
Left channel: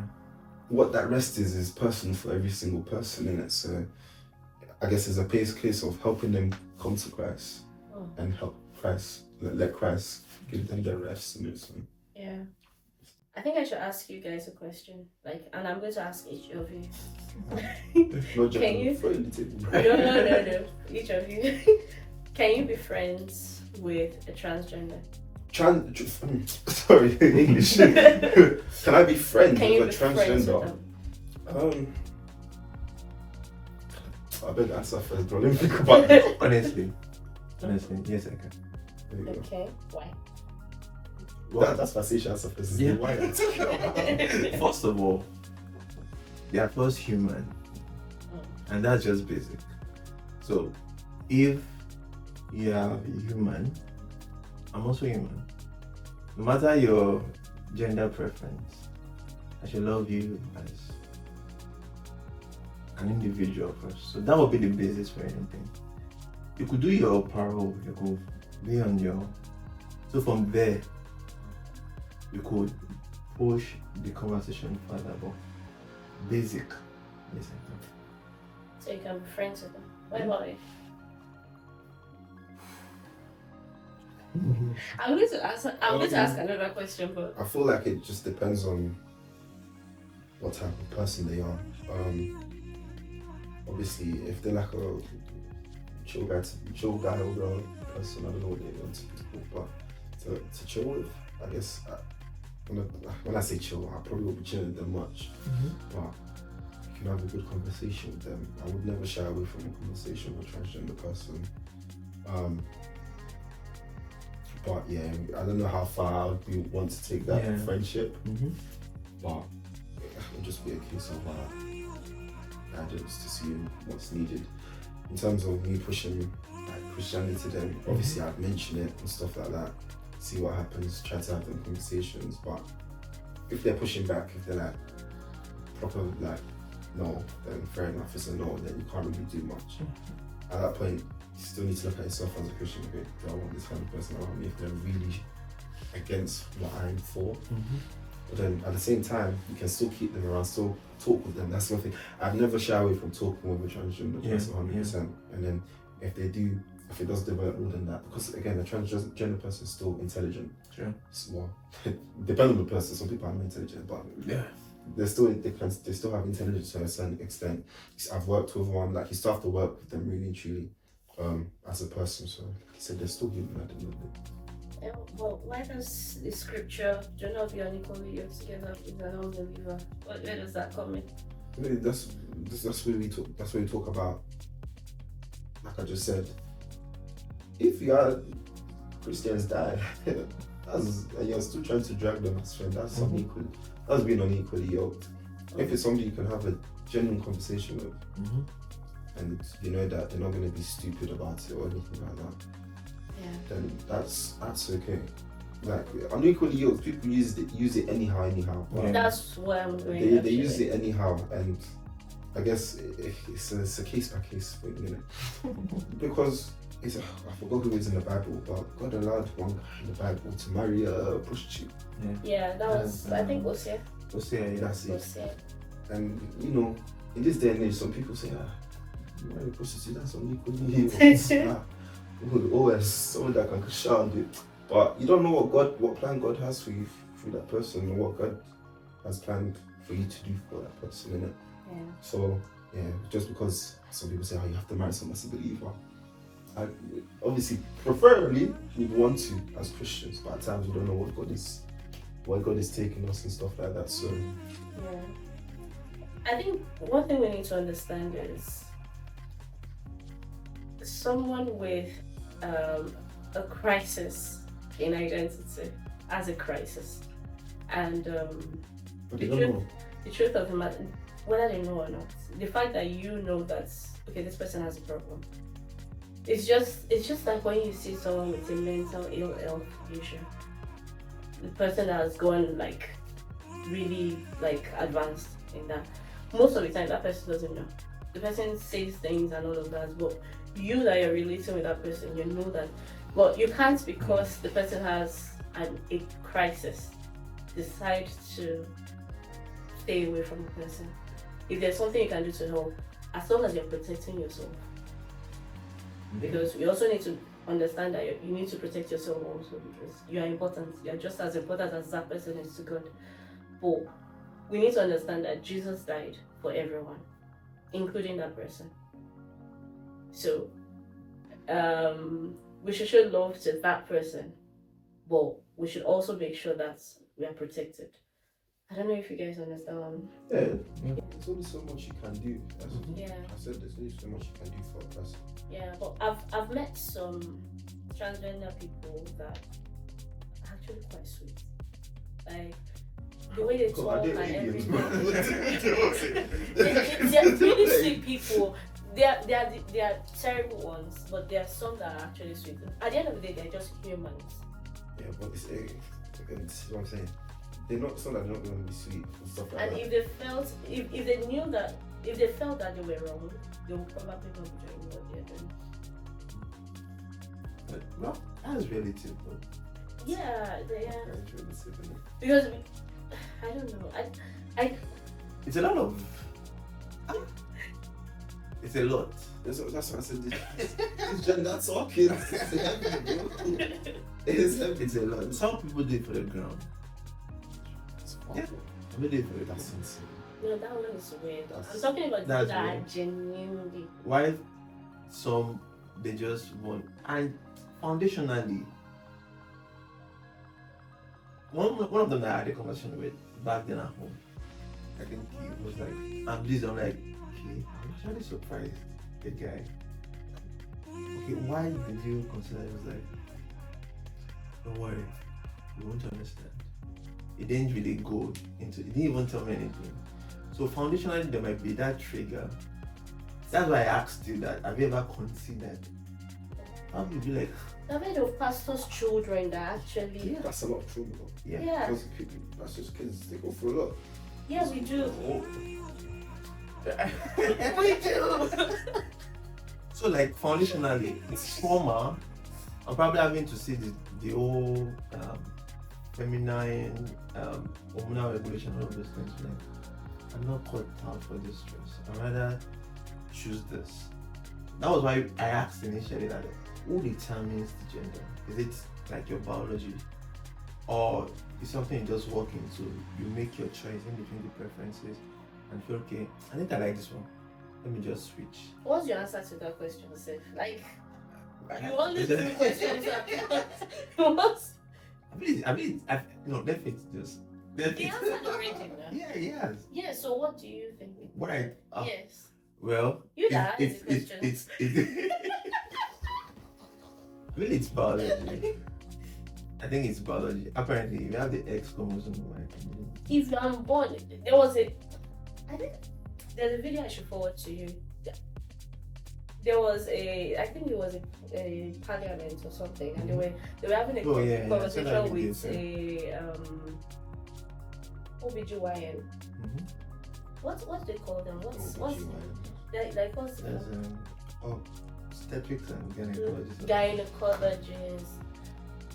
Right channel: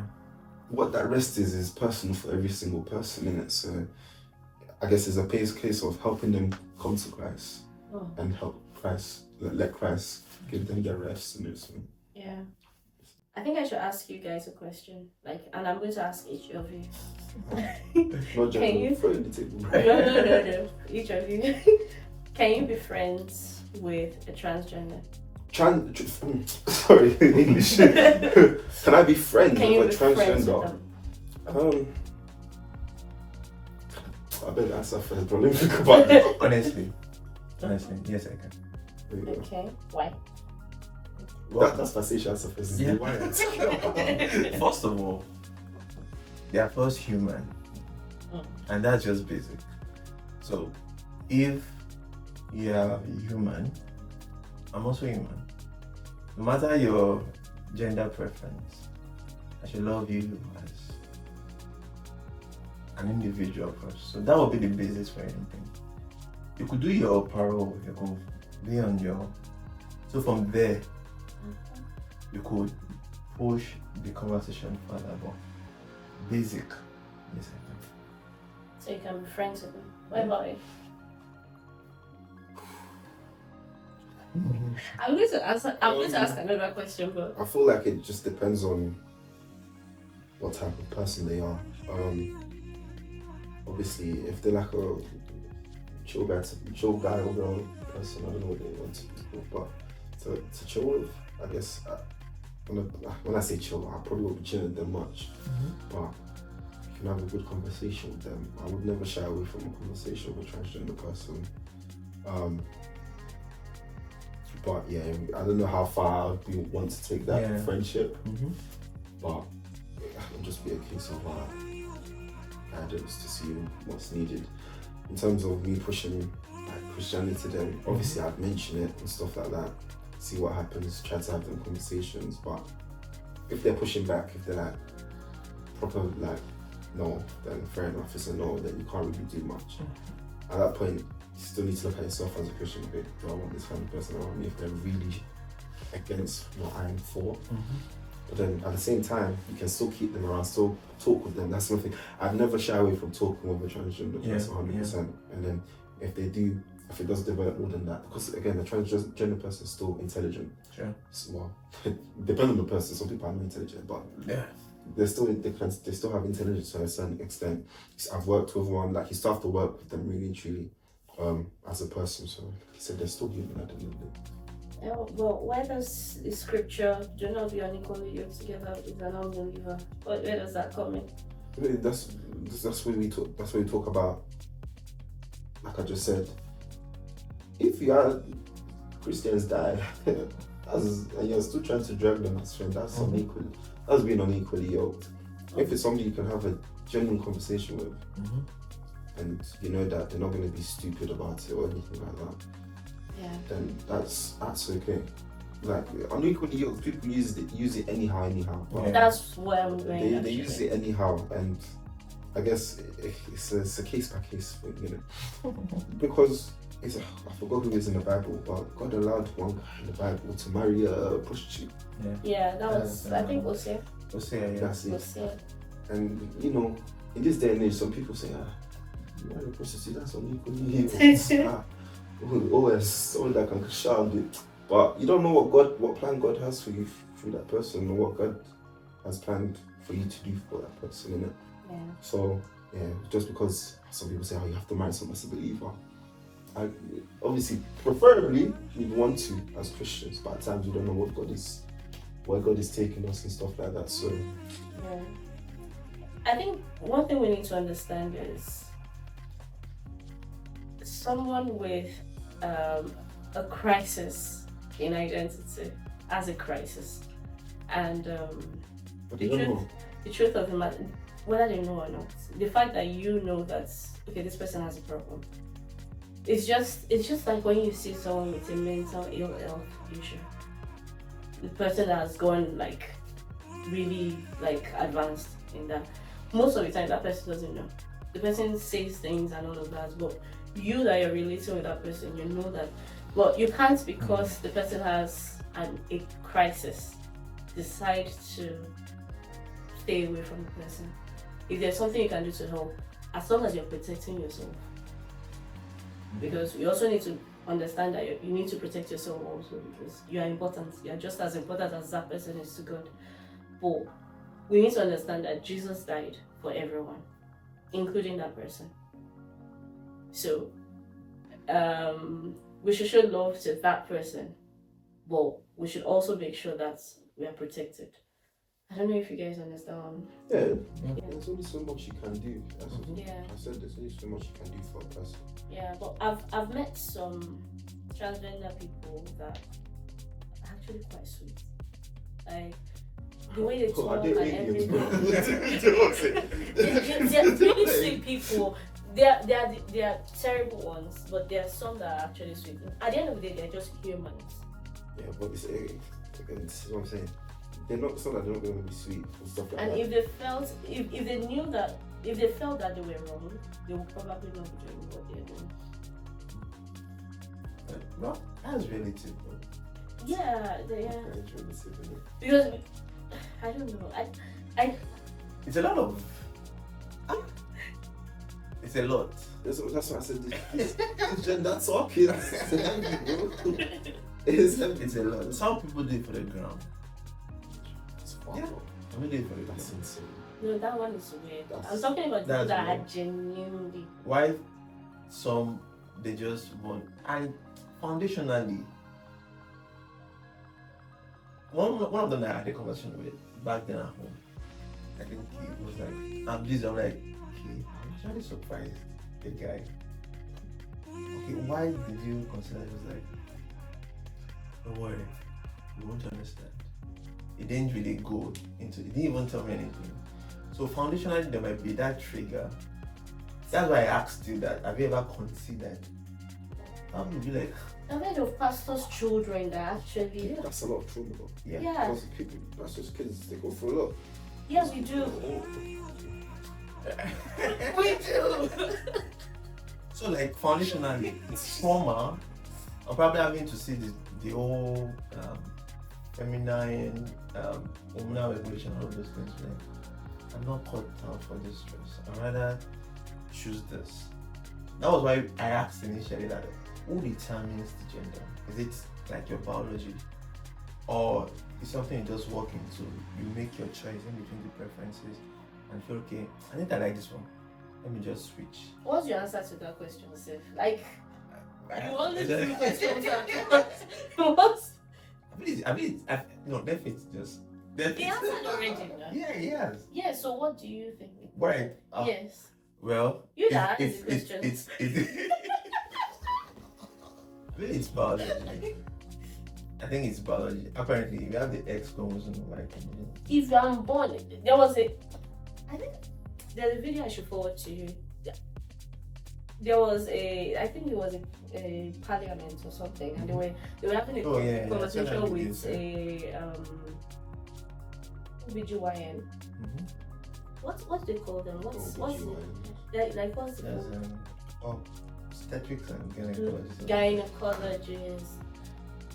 What that rest is personal for every single person, innit? So I guess it's a case of helping them come to Christ and help Christ, let Christ give them their rest, innit? So, Yeah. I think I should ask you guys a question, and I'm going to ask each of you. not just Can you- throw it in the table. No. Each of you. Can you be friends with a transgender? Sorry, English. Can I be friends Can you with be a friends with transgender? them? I better answer first, bro. Let me think about it. Honestly, yes, I can. There you go. Okay. Why? That's my station answer first. Yeah. Why? First of all, they are first human, and that's just basic. So, if you are human, I'm also human. No matter your gender preference, I should love you as an individual first. So that would be the basis for anything. You could do your parole, you could be on your. So from there, you could push the conversation further, but basic. So you can be friends with them. What about you? I'm going to ask another question, but I feel like it just depends on what type of person they are. Obviously, if they're like a chill guy or girl person, I don't know what they want to do, but to chill with, I guess, when I say chill, I probably won't be chilling them much, but you can have a good conversation with them. I would never shy away from a conversation with a transgender person. But yeah, I don't know how far we want to take that friendship, but it will just be a case of guidance to see what's needed. In terms of me pushing Christianity, then obviously I'd mention it and stuff like that, see what happens, try to have them conversations. But if they're pushing back, if they're like proper no, then fair enough, it's a no, then you can't really do much. At that point, you still need to look at yourself as a Christian. Okay, do I want this kind of person around me if they're really against what I'm for? But then at the same time, you can still keep them around, still talk with them. That's one thing. I've never shy away from talking with a transgender person 100%. And then if it does develop more than that, because again, a transgender person is still intelligent. Sure. Well, depending on the person, some people are not intelligent, but they still have intelligence to a certain extent. I've worked with one, you still have to work with them really and truly as a person. So like he said, they're still human at the moment. But where does the scripture, do not be unequally yoked together with an unbeliever? Where does that come in? I mean, that's where we talk. That's where we talk about. Like I just said, if you are Christians die, and you're still trying to drag them as friends, that's unequal. That's being unequally yoked. If it's somebody you can have a genuine conversation with, and you know that they're not going to be stupid about it or anything like that, then that's okay. Like unequally yoked, people use it anyhow. But that's where I'm going. They use it anyhow, and I guess it's a case by case thing, you know, because I forgot who is in the Bible, but God allowed one guy in the Bible to marry a prostitute. Yeah, that was I think Hosea. That's it. And you know, in this day and age, some people say, marry a prostitute, that's unequally yoked. OS, someone that can shout it. But you don't know what plan God has for you through that person, or what God has planned for you to do for that person, innit? Yeah. So yeah, just because some people say, oh, you have to marry someone as a believer. Obviously, preferably, we want to as Christians, but at times we don't know where God is taking us and stuff like that. So yeah. I think one thing we need to understand is someone with a crisis in identity as a crisis, and the truth of the matter, whether they know or not, the fact that you know that okay, this person has a problem. It's just like when you see someone with a mental ill health issue, the person that has gone like really like advanced in that. Most of the time, that person doesn't know. The person says things and all of that, but you that you're relating with that person, you know that. But you can't, because the person has a crisis, decide to stay away from the person. If there's something you can do to help, as long as you're protecting yourself. Because you also need to understand that you need to protect yourself also, because you are important. You are just as important as that person is to God. But we need to understand that Jesus died for everyone, including that person. So we should show love to that person, but we should also make sure that we are protected. I don't know if you guys understand. Yeah, there's only so much you can do. Yeah. I said there's only so much you can do for a person. Yeah, but I've met some transgender people that are actually quite sweet. Like the way they talk and everything. They're really sweet people. They are terrible ones, but there are some that are actually sweet. At the end of the day, they're just humans. Yeah, but this is what I'm saying. They're not some that they're not going to be sweet and stuff like And that. if they felt, if they knew that, if they felt that they were wrong, they would probably not be doing what they're doing. Well, that's relative, though. Yeah, That's relative, isn't it? because I don't know. I It's a lot of. It's a lot. That's what I said. This gender talking. It's a lot. Some people do it for the ground. Yeah. Some do it for the ground. That's insane. no, that one is weird. I'm talking about people that are weird. genuinely. Why some they just want, and foundationally, one of them that I had a conversation with back then at home, I think he was like, I'm busy. I'm like, okay, I'm actually surprised the guy. Okay, why did you consider it? Like, don't worry, you won't understand. It didn't really go into, it didn't even tell me anything. So foundationally, there might be that trigger. That's why I asked you that. Have you ever considered? How would you like? I've heard of pastors' children that actually. Yeah, that's a lot of trouble though. Yeah. Yeah. Because people, that's just kids, they go for a lot. Yes, we do. We do. So like foundationally, it's trauma. I'm probably having to see the whole feminine hormonal regulation, all of those things. Like, I'm not cut out for this stress. I'd rather choose this. That was why I asked initially that who determines the gender? Is it like your biology, or is something you just walk into? You make your choice in between the preferences and feel okay. I think I like this one. Let me just switch. What's your answer to that question, Seth? Like, you only three questions. What? No, definitely just. He answered already, no? Yeah, he has. Yeah, so what do you think? Right. Yes. Well, You that is the question. It's really, it's biology. I think it's biology. Apparently, you have the X chromosome, like. If you are unborn, there was I think there's a video I should forward to you. There was I think it was a parliament or something, and they were having a conversation with a OBGYN. Mm-hmm. What they call them? What's obstetrics and gynecologist. Gynecologist.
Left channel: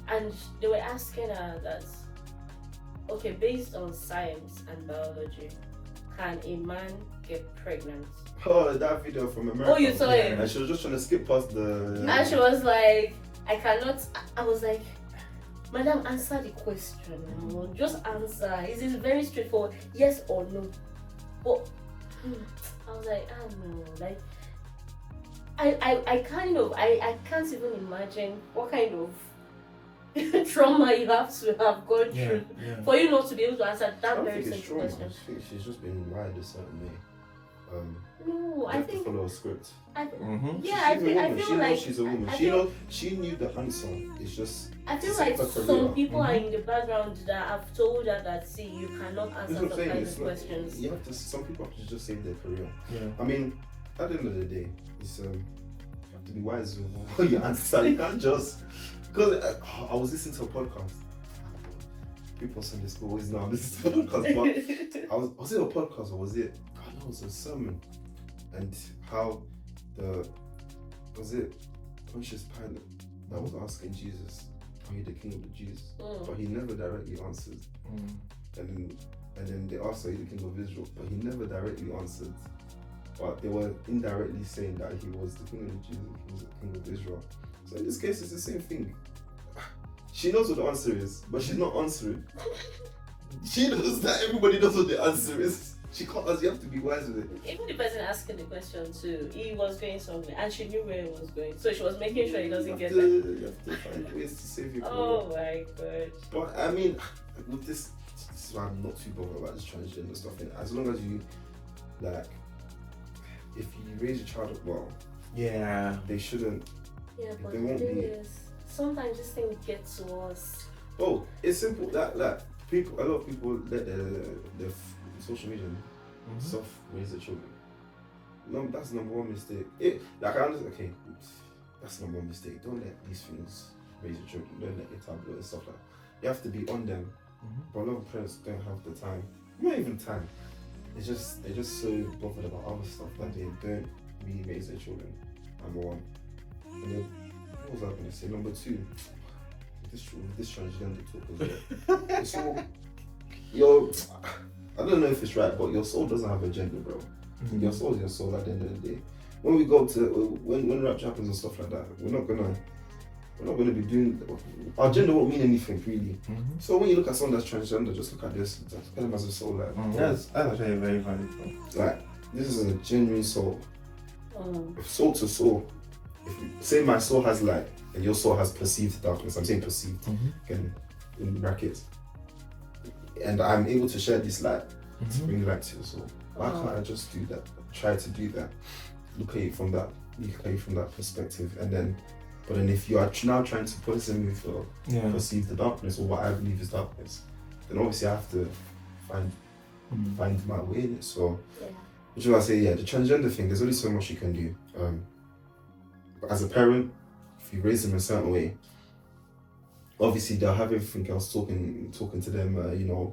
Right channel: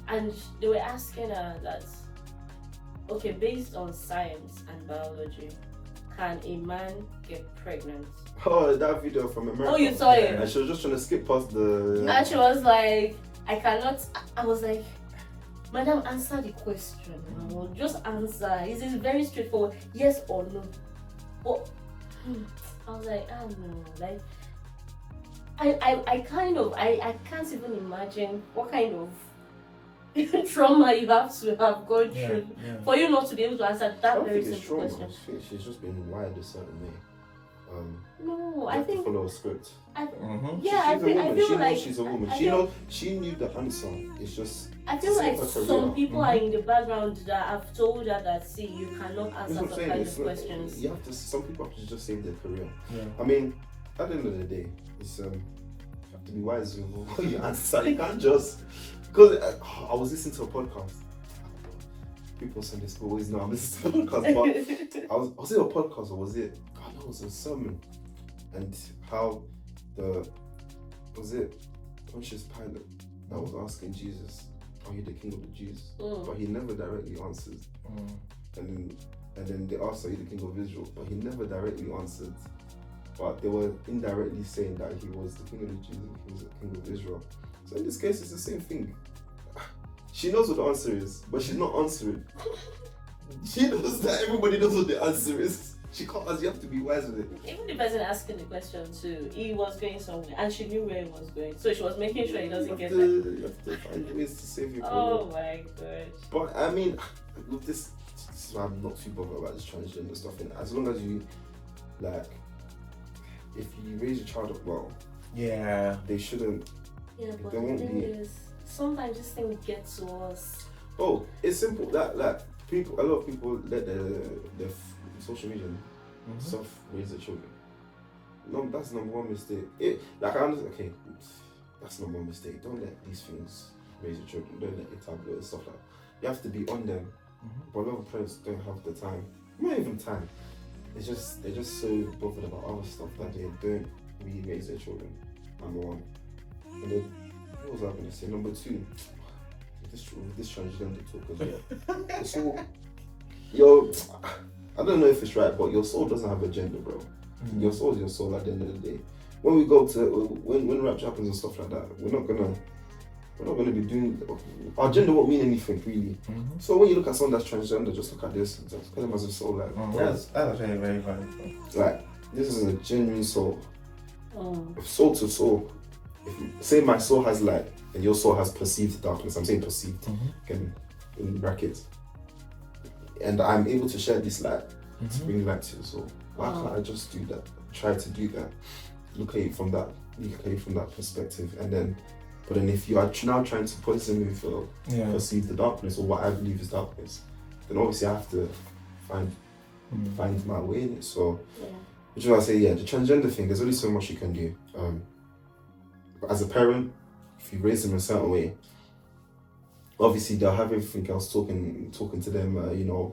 And they were asking her that, okay, based on science and biology, can a man get pregnant? Oh, that video from America. Oh, you saw it? And she was just trying to skip past the. And she was like, I cannot. I was like, Madam, answer the question. Just answer. It is very straightforward. Yes or no. But I was like, I don't know. Like, I can't even imagine what kind of trauma you have to have gone through for you not to be able to answer that very simple question. I think she's just been wired a certain way. No, I think follow a script. I feel like she's a woman. She knew the answer. It's just. I feel like some people are in the background that have told her that, see, you cannot answer some kind of questions. You have to. Some people have to just save their career. Yeah. I mean, at the end of the day, it's you have to be wise with what you answer. You can't just because I was listening to a podcast. People say this, but always know I'm listening to a podcast. But was it a podcast or was it? It was a sermon, and how was it Pontius Pilate that was asking Jesus, "Are you the King of the Jews?" But he never directly answered. And then they asked, "Are you the King of Israel?" But he never directly answered. But they were indirectly saying that he was the King of the Jews and he was the King of Israel. So in this case, it's the same thing. She knows what the answer is, but she's not answering. She knows that everybody knows what the answer is. She can't ask, you have to be wise with it. Even the person asking the question too, he was going somewhere and she knew where he was going. So she was making sure he doesn't get there. You have to find ways to save your career. Oh my god. But I mean, with this is why I'm not too bothered about this transgender stuff. And as long as you, like, if you raise your child up well, they shouldn't. Yeah, but they the won't thing be. is, sometimes this thing gets to us. Oh, it's simple. That like people, a lot of people let the social media stuff raise their children. No, that's number one mistake. I understand. Okay, that's number one mistake. Don't let these things raise your children. Don't let your tablet and stuff like that. You have to be on them. But a lot of parents don't have the time. Not even time. They're just so bothered about other stuff that they don't really raise their children. Number one. And then what was I going to say? Number two. This transgender talk as well. It's all I don't know if it's right, but your soul doesn't have a gender, bro. Your soul is your soul at the end of the day. When we go to when rapture happens and stuff like that, we're not gonna be doing our gender won't mean anything really. So when you look at someone that's transgender, just look at this. That's kind of as a soul, like that's actually very valid. Like this is a genuine soul, soul to soul. Say my soul has light and your soul has perceived darkness. I'm saying perceived, again in brackets. And I'm able to share this light to bring light to your soul. Why can't I just do that? Try to do that. Look at it from that perspective, and then. But then if you are now trying to poison me for perceive the darkness or what I believe is darkness, then obviously I have to find my way in it. So, which is why I say, the transgender thing, there's only so much you can do. But as a parent, if you raise them a certain way, obviously they'll have everything else talking to them,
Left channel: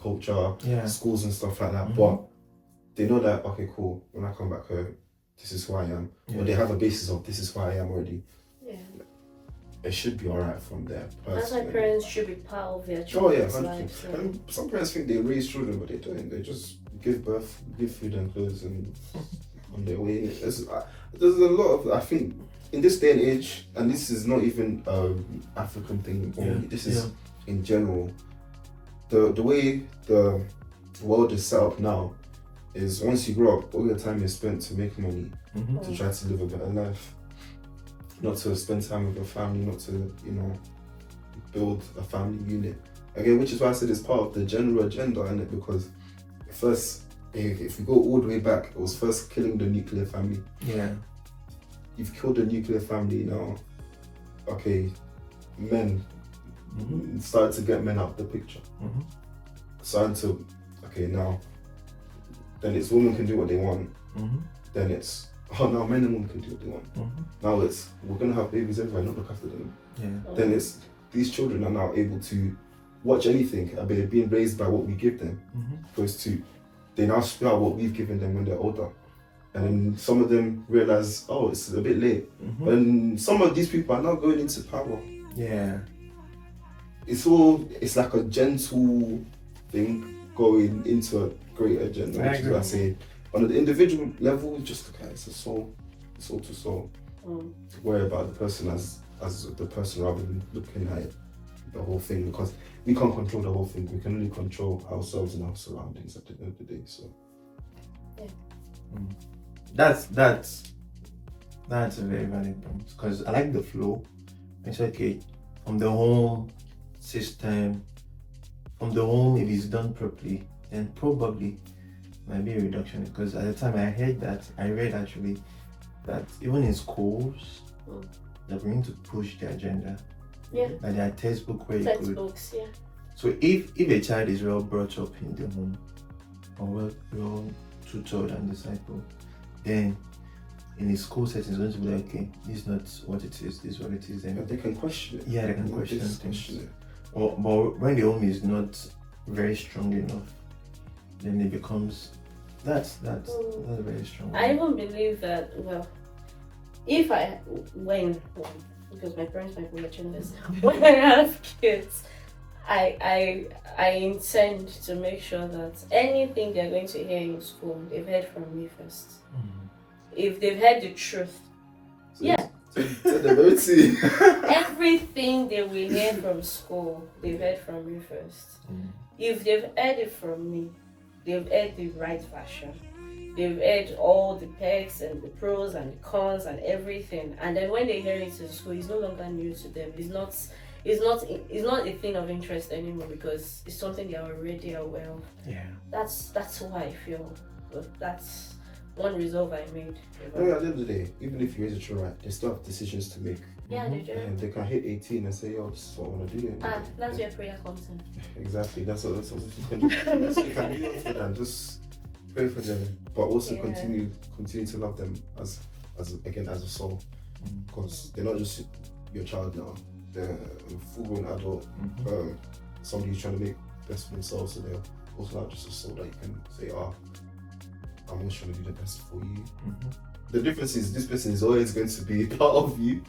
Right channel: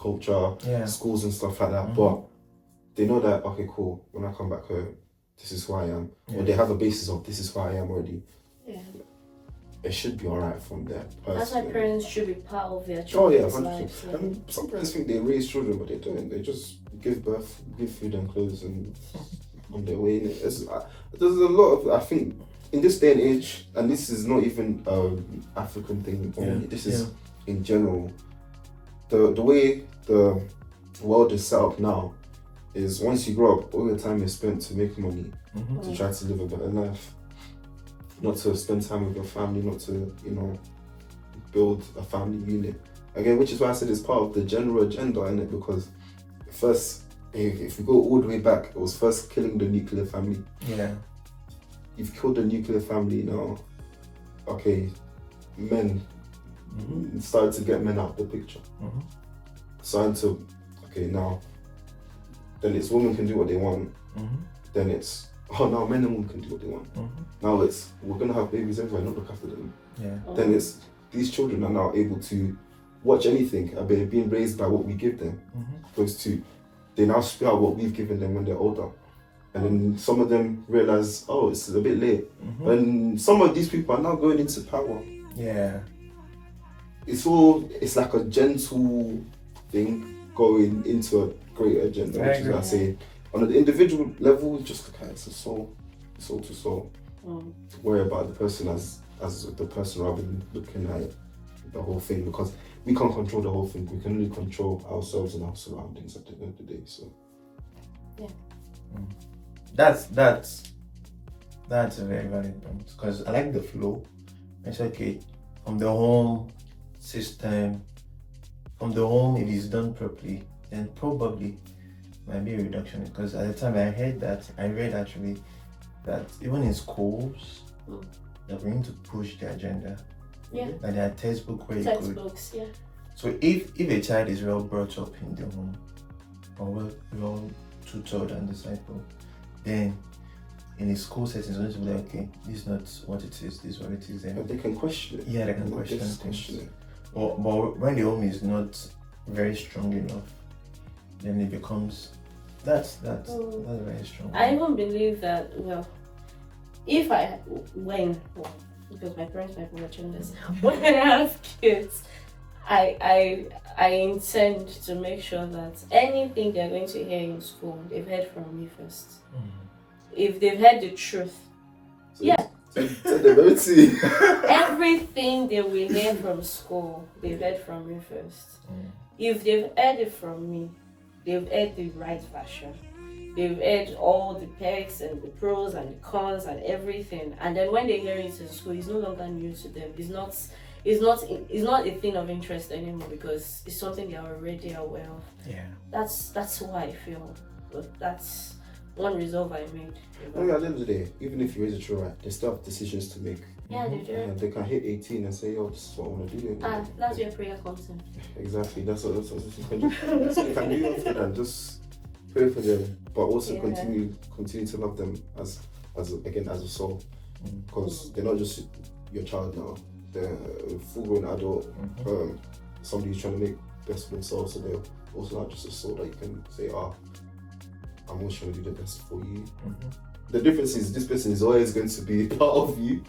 culture, schools and stuff like that. But they know that, okay, cool, when I come back home, this is who I am. Or they have a basis of this is who I am already. Yeah. It should be alright from there. That's why parents should be part of their children's lives. Yeah. And some parents think they raise children, but they don't. They just give birth, give food and clothes, and on their way. There's a lot of, I think, in this day and age, and this is not even African thing only. This is in general. The way the world is set up now is once you grow up, all your time is spent to make money, to try to live a better life. Not to spend time with your family, not to, build a family unit. Again, which is why I said it's part of the general agenda, innit? Because first, if we go all the way back, it was first killing the nuclear family. Yeah. You've killed the nuclear family now. Okay, men started to get men out of the picture. Started to, okay, now, then it's women can do what they want. Then it's, now men and women can do what they want. Now it's, we're going to have babies everywhere, not look after them. Then it's, these children are now able to watch anything, they're being raised by what we give them. Opposed to, they now spit out what we've given them when they're older. And then some of them realize, oh, it's a bit late. And some of these people are now going into power. Yeah. It's like a gentle thing going into a great agenda, which is what I say. On an individual level, just look at it as a soul to soul. To worry about the person as the person rather than looking at the whole thing, because we can't control the whole thing. We can only control ourselves and our surroundings at the end of the day. So That's a very valid point, because I like the flow. It's okay from the home system, from the home, if it's done properly, then probably might be a reduction. Because at the time I read actually that even in schools, they're going to push the agenda. Yeah. Like there are textbooks where you could. Textbooks, yeah. So if a child is well brought up in the home, or well tutored and discipled, then in a school setting, it's going to be like, okay, this is not what it is, this is what it is. but they can question it. Yeah, they can question things. But when the home is not very strong enough, then it becomes that's very strong. I even believe that, well, because my parents might be watching this, when I have kids, I intend to make sure that anything they're going to hear in school, they've heard from me first. If they've heard the truth, everything they will hear from school, they've heard from me first. If they've heard it from me, they've heard the right version. They've heard all the perks and the pros and the cons and everything. And then when they hear it in school, it's no longer new to them. It's not a thing of interest anymore, because it's something they are already aware of. Yeah. That's how I feel. But that's one resolve I made. At the end of the day, even if you raise a children right, they still have decisions to make. Yeah, they do. Yeah, they can hit 18 and say, "Oh, this is what I want to do." That's where prayer comes in. Exactly. That's what you can do. That's what you can do for them. Just pray for them, but also continue to love them as a soul, because they're not just your child now. They're a full-grown adult. Somebody who's trying to make best of themselves, so they're also not just a soul that you can say, I'm always trying to do the best for you. The difference is this person is always going to be part of you,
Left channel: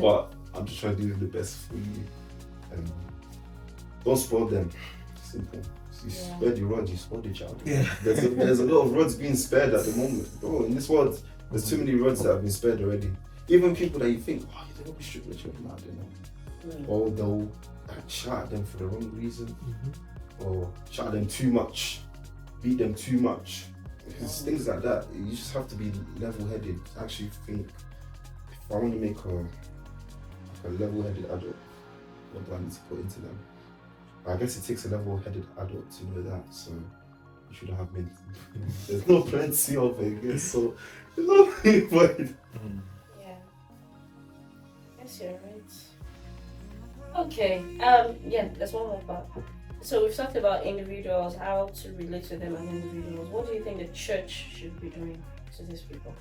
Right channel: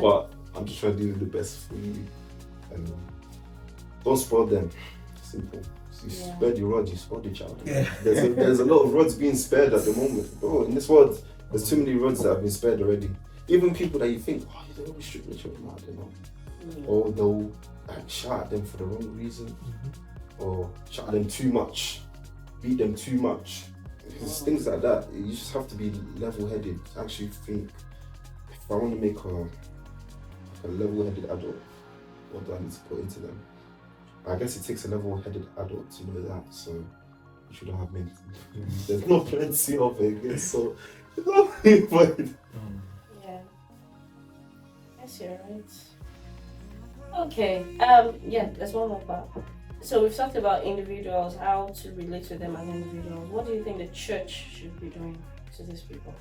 but I'm just trying to do the best for you. And don't spoil them. Simple. You spare the rod, you spoil the child. Yeah. There's a lot of rods being spared at the moment. Bro, in this world, there's too many rods that have been spared already. Even people that you think, you don't restrict the children out, or they'll shout at them for the wrong reason, or shout at them too much, beat them too much. Because things like that, you just have to be level-headed. Actually think, if I want to make a level-headed adult, what do I need to put into them? I guess it takes a level-headed adult to know that, so you shouldn't have many. There's no plenty of it, I guess, so there's no point. Yeah. That's your right. Okay, there's one more part. So we've talked about individuals, how to relate to them as individuals. What do you think the church should be doing to these people?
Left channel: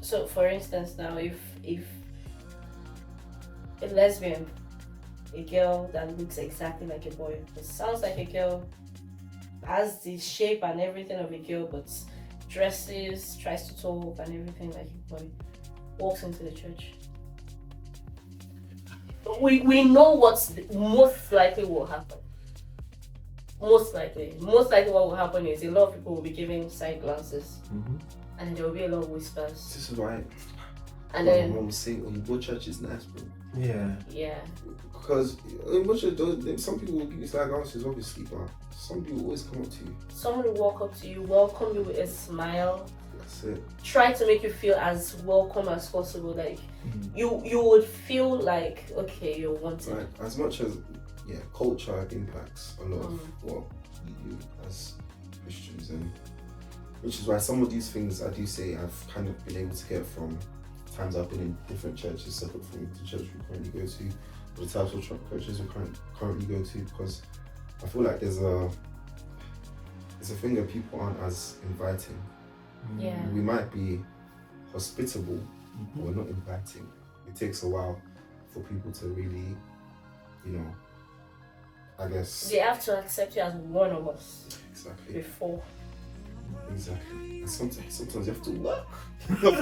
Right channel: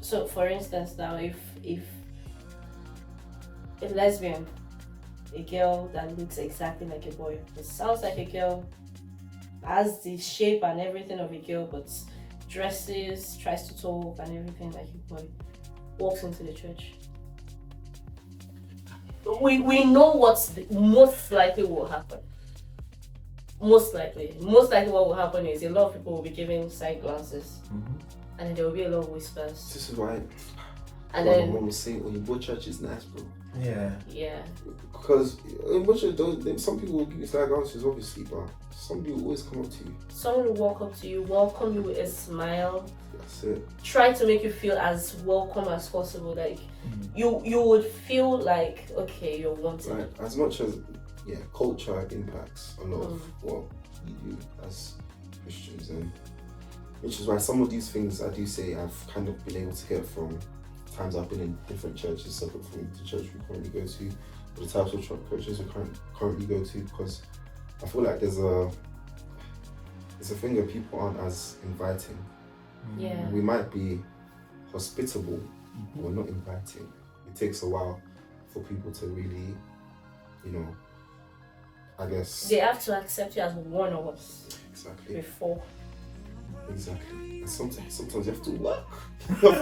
So for instance now, if a lesbian, a girl that looks exactly like a boy, it sounds like a girl, has the shape and everything of a girl, but dresses, tries to talk and everything like a boy, walks into the church. We know what's most likely will happen. Most likely what will happen is a lot of people will be giving side glances, and there will be a lot of whispers. This is why. And then my mom was saying, when you go to church, it's nice, bro. Yeah. Because in church, some people will give you side glances, obviously, but some people always come up to you. Someone will walk up to you, welcome you with a smile. That's it. Try to make you feel as welcome as possible. Like you would feel like, okay, you're wanted. Right. As much as culture impacts a lot of what we do as Christians, and which is why some of these things I do say I've kind of been able to get from times I've been in different churches separate from the church we currently go to, or the types of churches we currently go to, because I feel like there's a thing that people aren't as inviting. Yeah. We might be hospitable, but we're not inviting. It takes a while for people to really, I guess. They have to accept you as one of us. Exactly. Before. Exactly. And sometimes you have to work.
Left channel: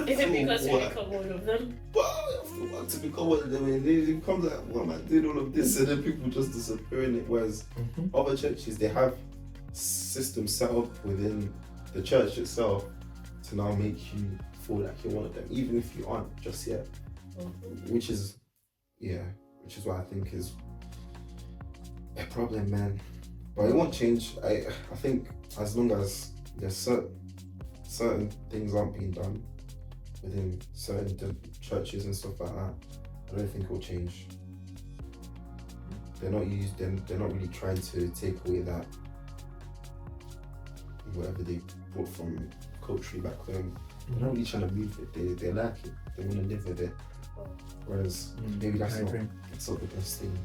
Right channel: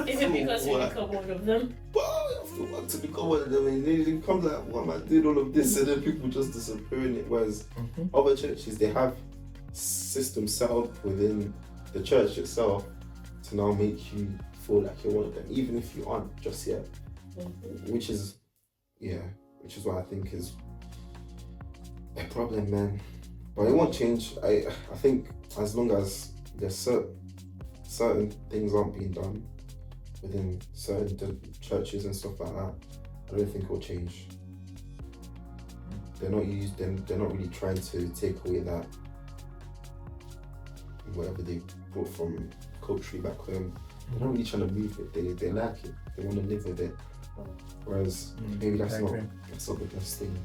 Is it because you become one of them? Well, you have to work to become one of them. And then it comes like, why am I doing all of this? And then people just disappear in it. Whereas other churches, they have systems set up within the church itself to now make you feel like you're one of them, even if you aren't just yet. Which is, which is what I think is a problem, man. But it won't change. I think as long as there's certain things aren't being done within certain churches and stuff like that, I don't think it will change. They're not really trying to take away that whatever they brought from culture back home. They're not really trying to move it. They like it. They want to live with it. Whereas maybe that's not the best thing.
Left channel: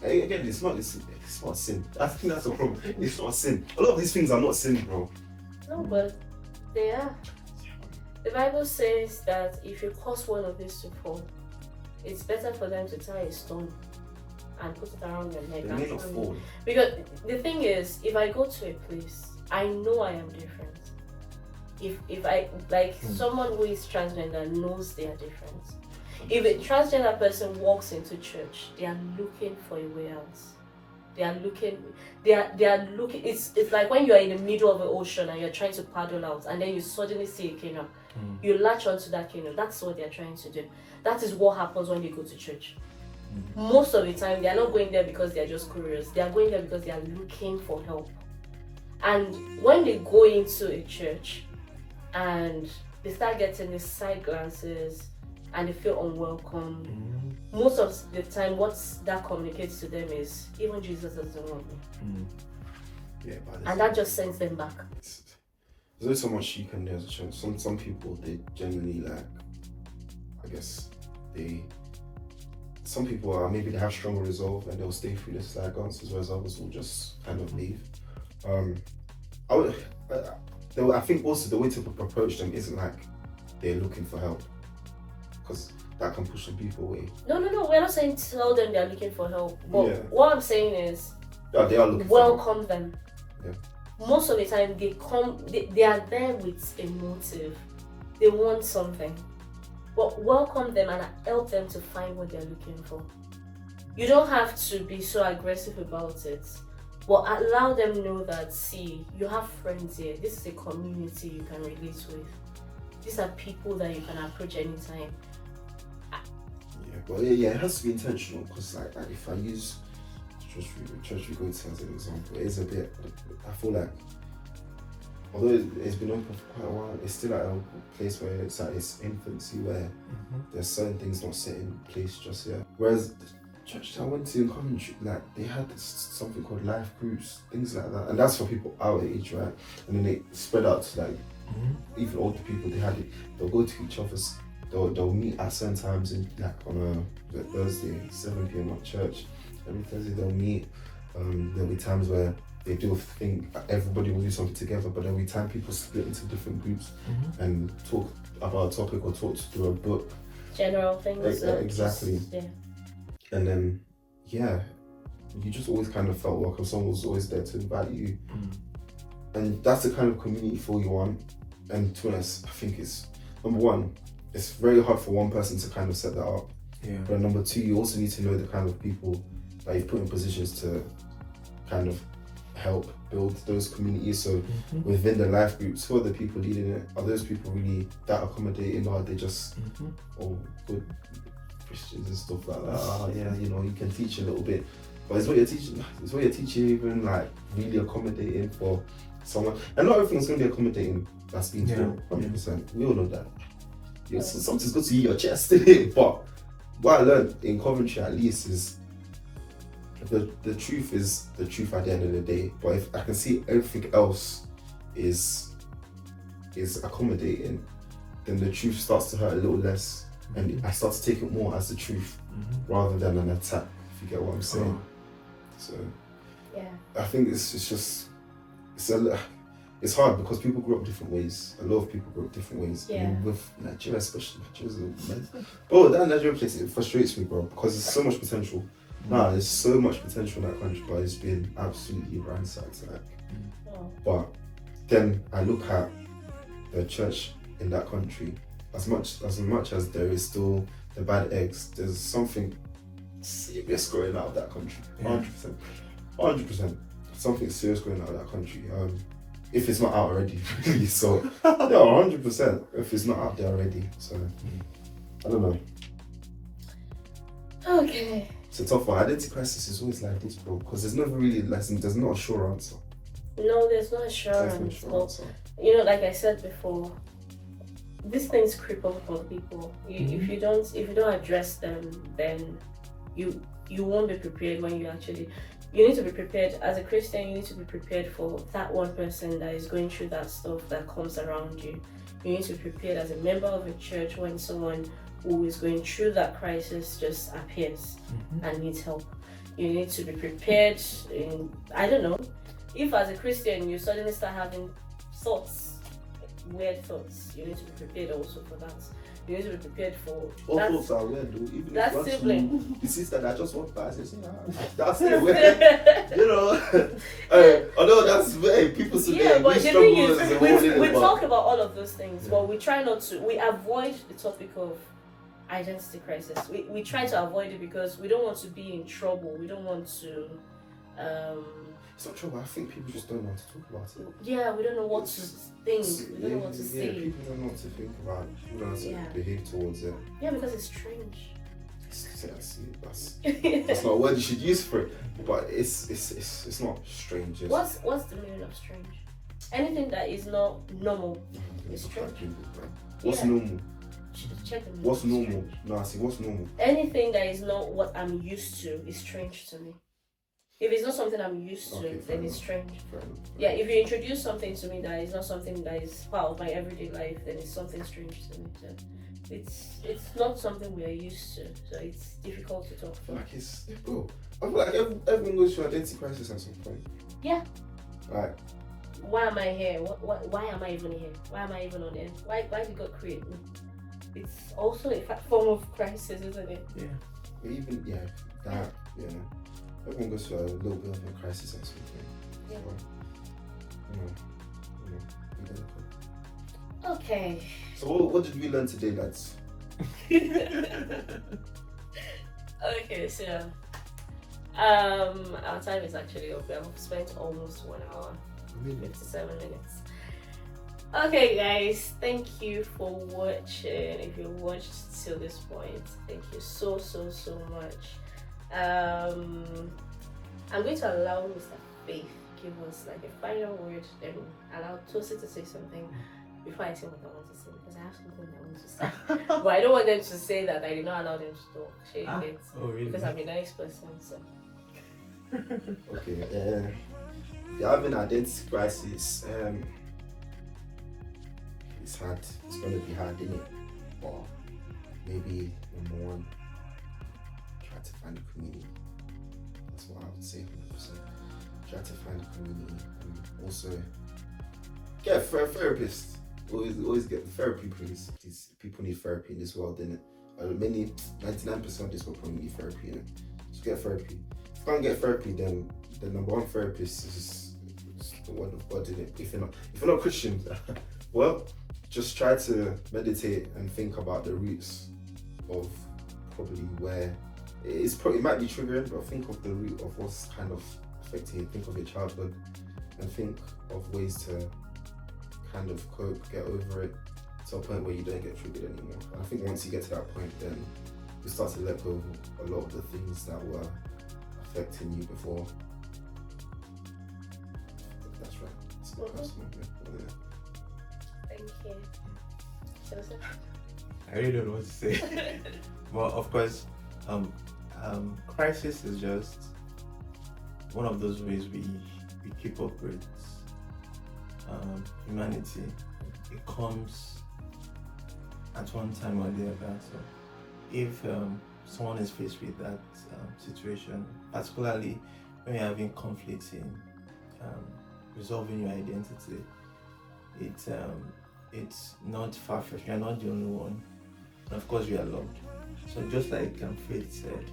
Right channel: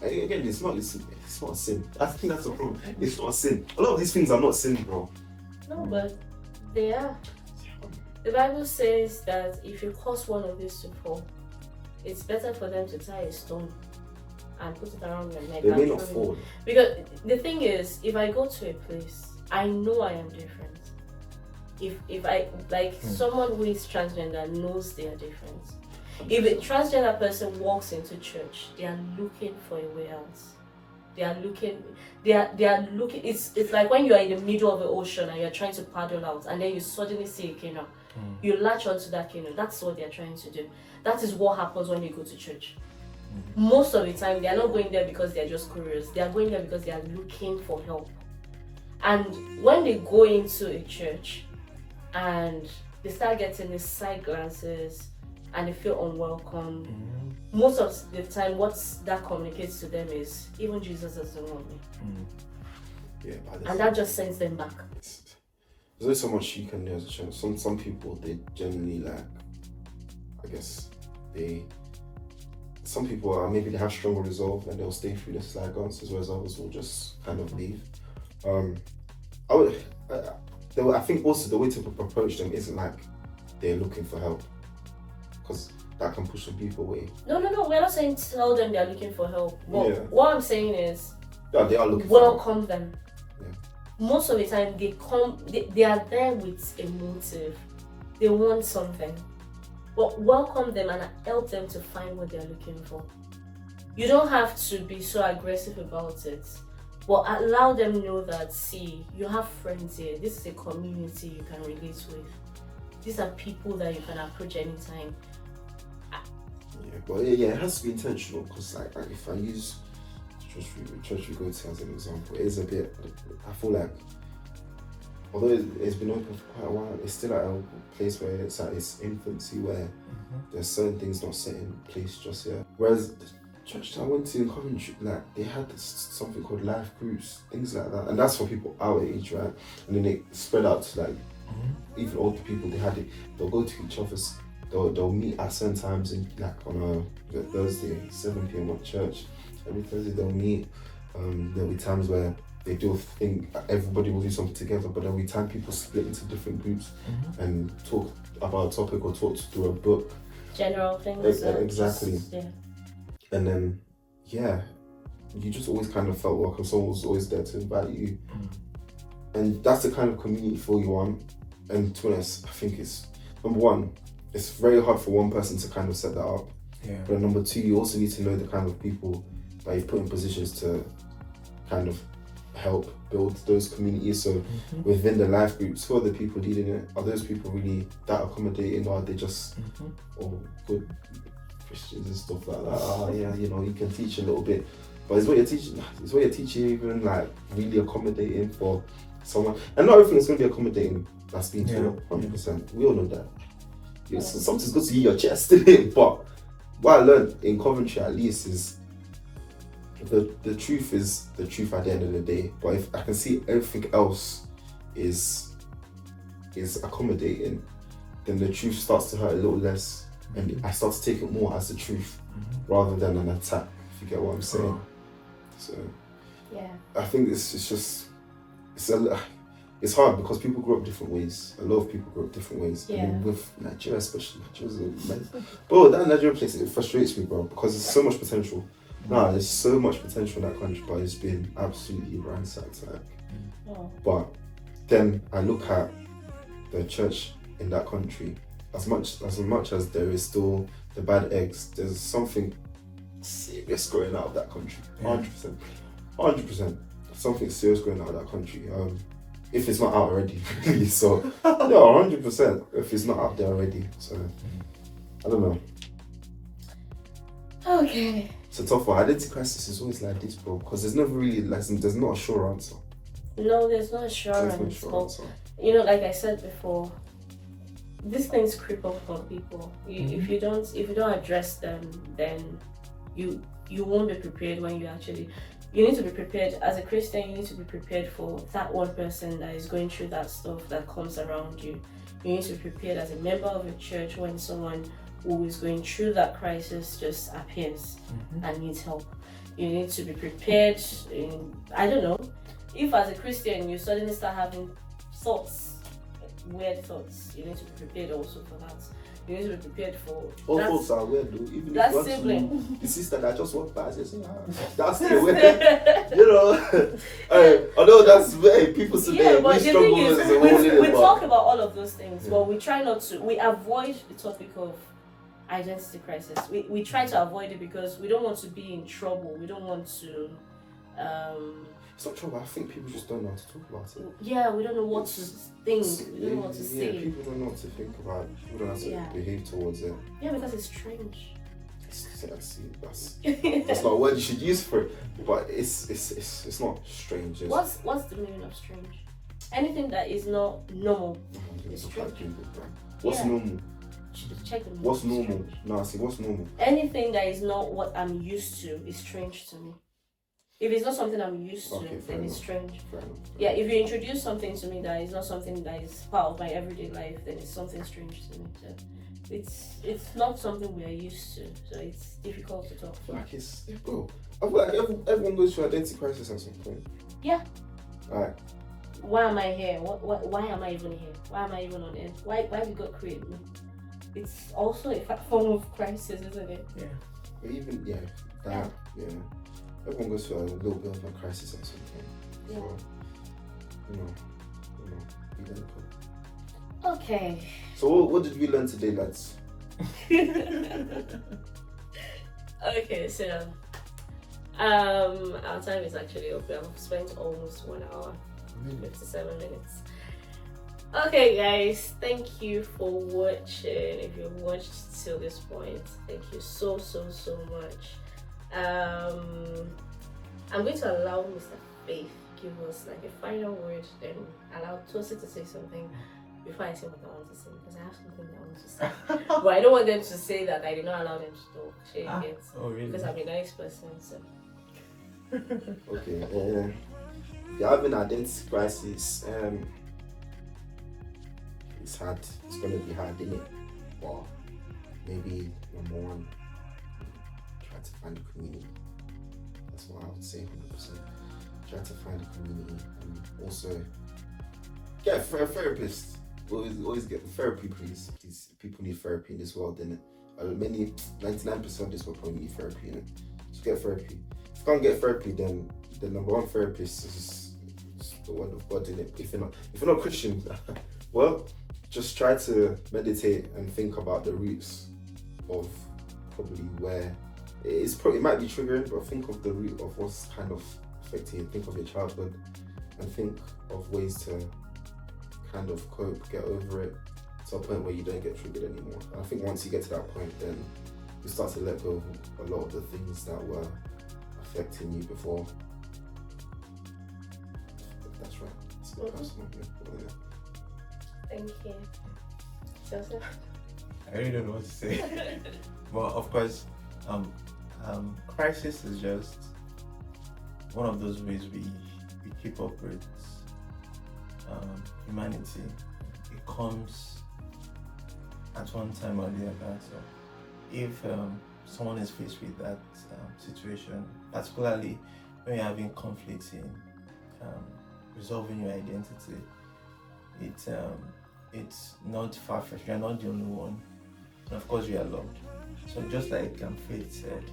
Again, it's not a sin. I think that's the problem. It's not a sin. A lot of these things are not sin, bro. No, but they are. The Bible says that if you cause one of these to fall, it's better for them to tie a stone and put it around their neck. They may not fall. Because the thing is, if I go to a place, I know I am different. If I, someone who is transgender knows they are different. If a transgender person walks into church, they are looking for a way out. They are looking, it's like when you are in the middle of the ocean and you're trying to paddle out and then you suddenly see a canoe. You latch onto that canoe. That's what they're trying to do. That is what happens when they go to church. Most of the time, they are not going there because they are just curious. They are going there because they are looking for help. And when they go into a church and they start getting these side glances and they feel unwelcome, most of the time what that communicates to them is, even Jesus doesn't want me. Yeah, and that just sends them back. There's only so much you can do as a church. Some people, they genuinely some people are, maybe they have stronger resolve and they'll stay through the side glances, whereas others will just kind of leave. I think also the way to approach them isn't like they're looking for help, because that can push some people away. No, we're not saying tell them they're looking for help, but what I'm saying is they are looking welcome for help. Them. Yeah. Most of the time they are there with a motive. They want something. But welcome them and help them to find what they're looking for. You don't have to be so aggressive about it, but allow them know that, see, you have friends here. This is a community you can relate with. These are people that you can approach anytime. Yeah, but it has to be intentional, because like if I use church we go to as an example, it is a bit, I feel like, although it's been open for quite a while, it's still at a place where it's at its infancy, where there's certain things not set in place just yet. Whereas the church I went to in Coventry, like they had something called life groups, things like that, and that's for people our age, right? And then they spread out to like even older people. They had it. They'll go to each other's. They'll meet at certain times in like on a Thursday, 7 p.m. at church. Every Thursday they'll meet. There'll be times where they do think everybody will do something together, but then we time people split into different groups and talk about a topic or talk through a book. General things. Exactly. And then, you just always kind of felt welcome. Someone was always there to invite you. And that's the kind of community feel you want. And to be honest, I think it's, number one, it's very hard for one person to kind of set that up. Yeah. But number two, you also need to know the kind of people that you've put in positions to kind of help build those communities. So within the life groups, who are the people leading it? Are those people really that accommodating, or are they just all good Christians and stuff like that? You can teach a little bit, but is what you're teaching even like really accommodating for someone? And not everything's going to be accommodating. That's being true, 100%. We all know that. Yeah, so something's good to hear your chest in it, but what I learned in Coventry at least is the truth is the truth at the end of the day. But if I can see everything else is accommodating, then the truth starts to hurt a little less, and I start to take it more as the truth rather than an attack, if you get what I'm saying. So I think it's hard because people grow up different ways. A lot of people grow up different ways. Yeah. And with Nigeria especially, bro, that Nigeria place, it frustrates me, bro, because there's so much potential. There's so much potential in that country, but it's been absolutely ransacked. But then I look at the church in that country, as much as there is still the bad eggs, there's something serious going out of that country. 100%. Something serious going out of that country. If it's not out already, really. So, 100%. If it's not out there already, so I don't know. Okay. It's a tough one. Identity crisis is always like this, bro, because there's never really, like, there's not a sure answer. No, there's no There's assurance. no sure But, answer. you know, like I said before, these things creep up on people. If you don't address them, then you won't be prepared when you actually. You need to be prepared as a Christian. You need to be prepared for that one person that is going through that stuff that comes around you. You need to be prepared as a member of a church when someone who is going through that crisis just appears and needs help. You need to be prepared. I don't know. If as a Christian you suddenly start having thoughts, weird thoughts, you need to be prepared also for that. You need to be prepared for All thoughts are weird, though. Even that if you sibling. the sister that just walked by says, that's the way. You know, although that's very people say Yeah, but the thing is, we talk talk about all of those things, but we try not to. We avoid the topic of identity crisis. We try to avoid it because we don't want to be in trouble. We don't want to. It's not trouble. I think people just don't know how to talk about it. Yeah, we don't know what to think. We don't know what to say. People don't know what to think about it. People don't know how to behave towards it. Yeah, because it's strange. That's not a word you should use for it, but it's not strange. What's the meaning of strange? Anything that is not normal is strange. What's normal? Check the What's normal? strange. No, I see. What's normal? Anything that is not what I'm used to is strange to me. If it's not something I'm used to, then it's strange. Yeah, if you introduce something to me that is not something that is part of my everyday life, then it's something strange to me. So it's not something we're used to, so it's difficult to talk I feel about. like I feel like everyone goes through identity crisis at some point. Yeah. Right. Why am I here? Why am I even here? Why am I even on earth? Why did God create me? It's also a form of crisis, isn't it? Yeah. But even everyone goes through a little bit of a crisis at some point. Yeah. So, be very cool. Okay. So what did we learn today, lads? Okay, so our time is actually up. I've spent almost 1 hour, 57 minutes. Okay, guys, thank you for watching. If you watched till this point, thank you so much. I'm going to allow Mr. Faith give us like a final word, then allow Tosin to say something before I say what I want to say, because I have something that I want to say. But I don't want them to say that I did not allow them to talk. Oh, really? Because I'm a nice person, so. Okay, you're having identity crisis. It's hard. It's gonna be hard, isn't it? But maybe number one, try to find a community. That's what I would say 100%. Try to find a community, and also get a therapist. Always get therapy, please. People need therapy in this world, innit? 99% of this world probably need therapy, innit? So get therapy. If you can't get therapy, then the number one therapist is the word of God, innit? If you're not Christian, well, just try to meditate and think about the roots of probably where it might be triggering, but think of the root of what's kind of affecting you. Think of your childhood and think of ways to kind of cope, get over it to a point where you don't get triggered anymore. And I think once you get to that point, then you start to let go of a lot of the things that were affecting you before. That's right. It's my personal opinion. Thank you. Joseph? I really don't know what to say. Well, of course, crisis is just one of those ways we keep up with humanity. It comes at one time or the other. So if someone is faced with that situation, particularly when you're having conflicts in resolving your identity, it's not far-fetched. You're not the only one, and of course you are loved. So just like Faith said,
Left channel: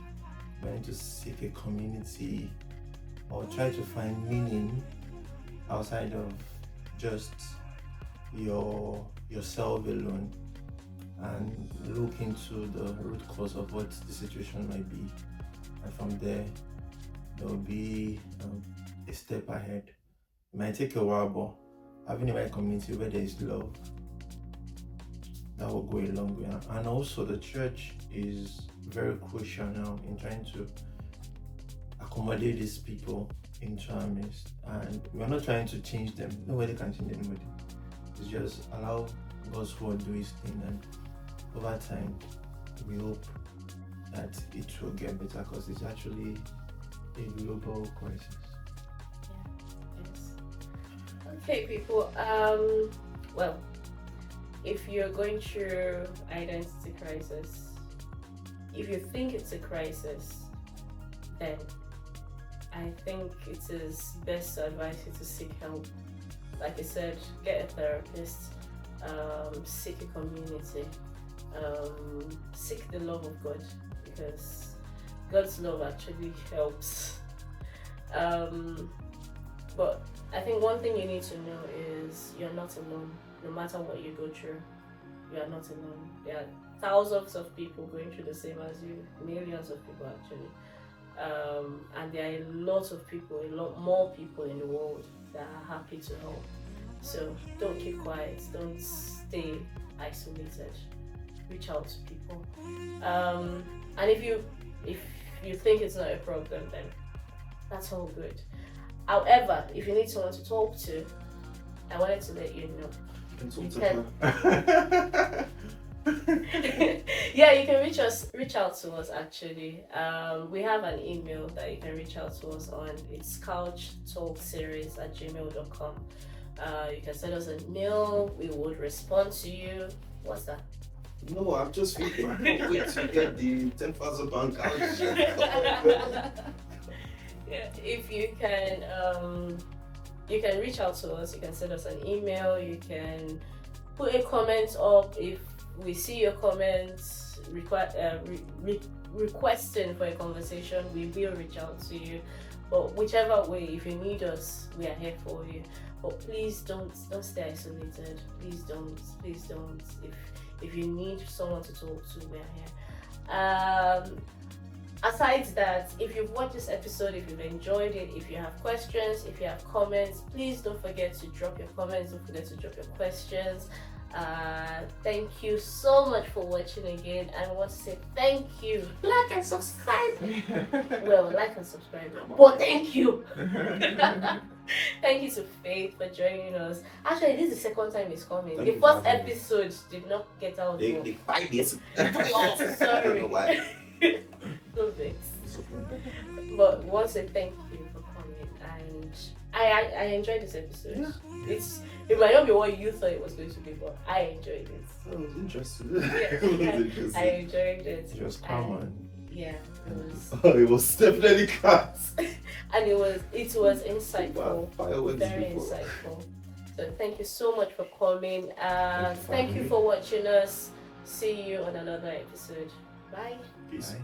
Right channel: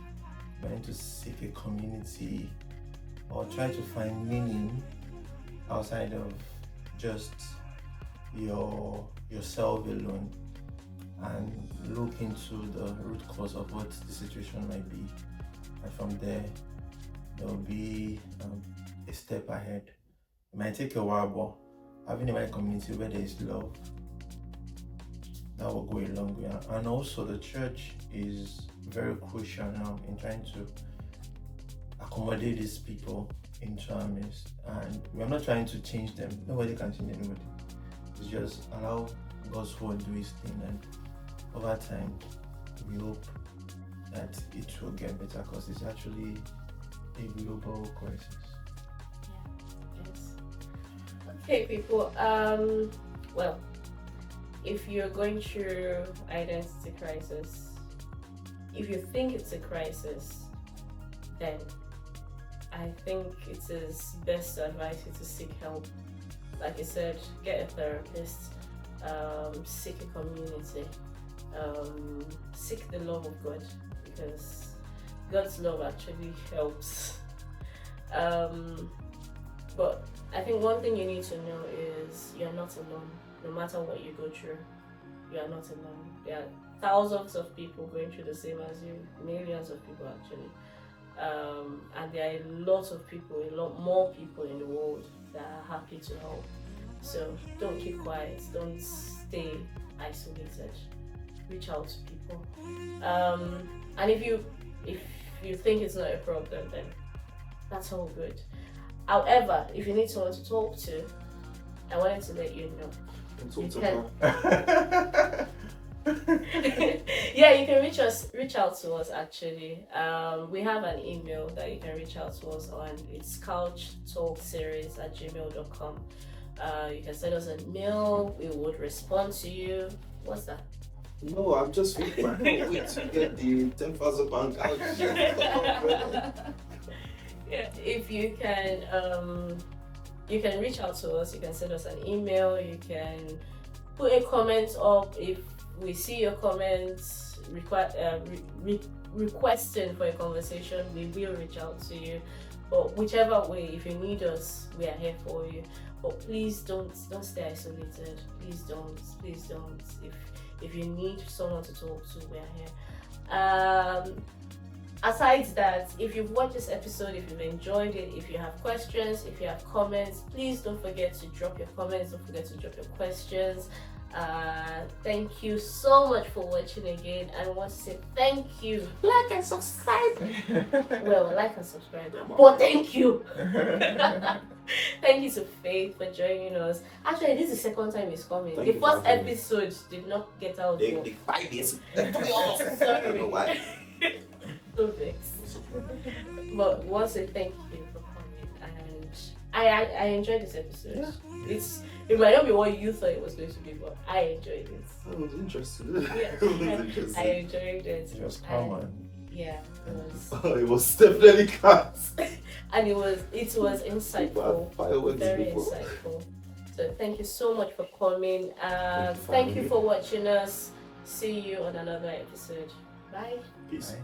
trying to seek a community or try to find meaning outside of just yourself alone, and look into the root cause of what the situation might be, and from there will be a step ahead. It might take a while, but having a right community where there is love, that will go a long way. and also the church is very crucial now in trying to accommodate these people into our midst. And we're not trying to change them. Nobody can change anybody. It's just allow God's word do his thing, and over time we hope that it will get better, because it's actually a global crisis. Okay, people. Well, if you're going through identity crisis, if you think it's a crisis, then I think it is best to advise you to seek help. Like I said, get a therapist, seek a community, seek the love of God, because God's love actually helps. But I think one thing you need to know is you're not alone. No matter what you go through, you are not alone. There are thousands of people going through the same as you, millions of people actually. And there are lots of people, a lot more people in the world that are happy to help. So don't keep quiet, don't stay isolated. Reach out to people. And if you think it's not a problem, then that's all good. However, if you need someone to talk to, I wanted to let you know. Yeah, you can reach out to us actually. We have an email that you can reach out to us on. It's couchtalkseries@gmail.com. You can send us an email, we would respond to you. What's that? No, I'm just waiting. I can't wait to get the 10,000 pound couch. Yeah, if you can reach out to us. You can send us an email. You can put a comment up. If we see your comments requesting for a conversation, we will reach out to you. But whichever way, if you need us, we are here for you. But please don't stay isolated. Please don't. If you need someone to talk to, we are here. Aside that, if you've watched this episode, if you've enjoyed it, if you have questions, if you have comments, please don't forget to drop your comments, don't forget to drop your questions. Thank you so much for watching again, and I want to say thank you. Like and subscribe. Well, like and subscribe, but thank you. Thank you to Faith for joining us. Actually, this is the second time he's coming. The first episode did not get out. They 5 years. Sorry. I don't know why. No thanks. But want to thank you for coming, and I enjoyed this episode. Yeah. It might not be what you thought it was going to be, but I enjoyed it. It was interesting. I enjoyed it. It was calm. Yeah. It was definitely cats. And it was insightful. Very insightful. So thank you so much for coming. Thank you for watching us. See you on another episode. Bye. Peace. Bye.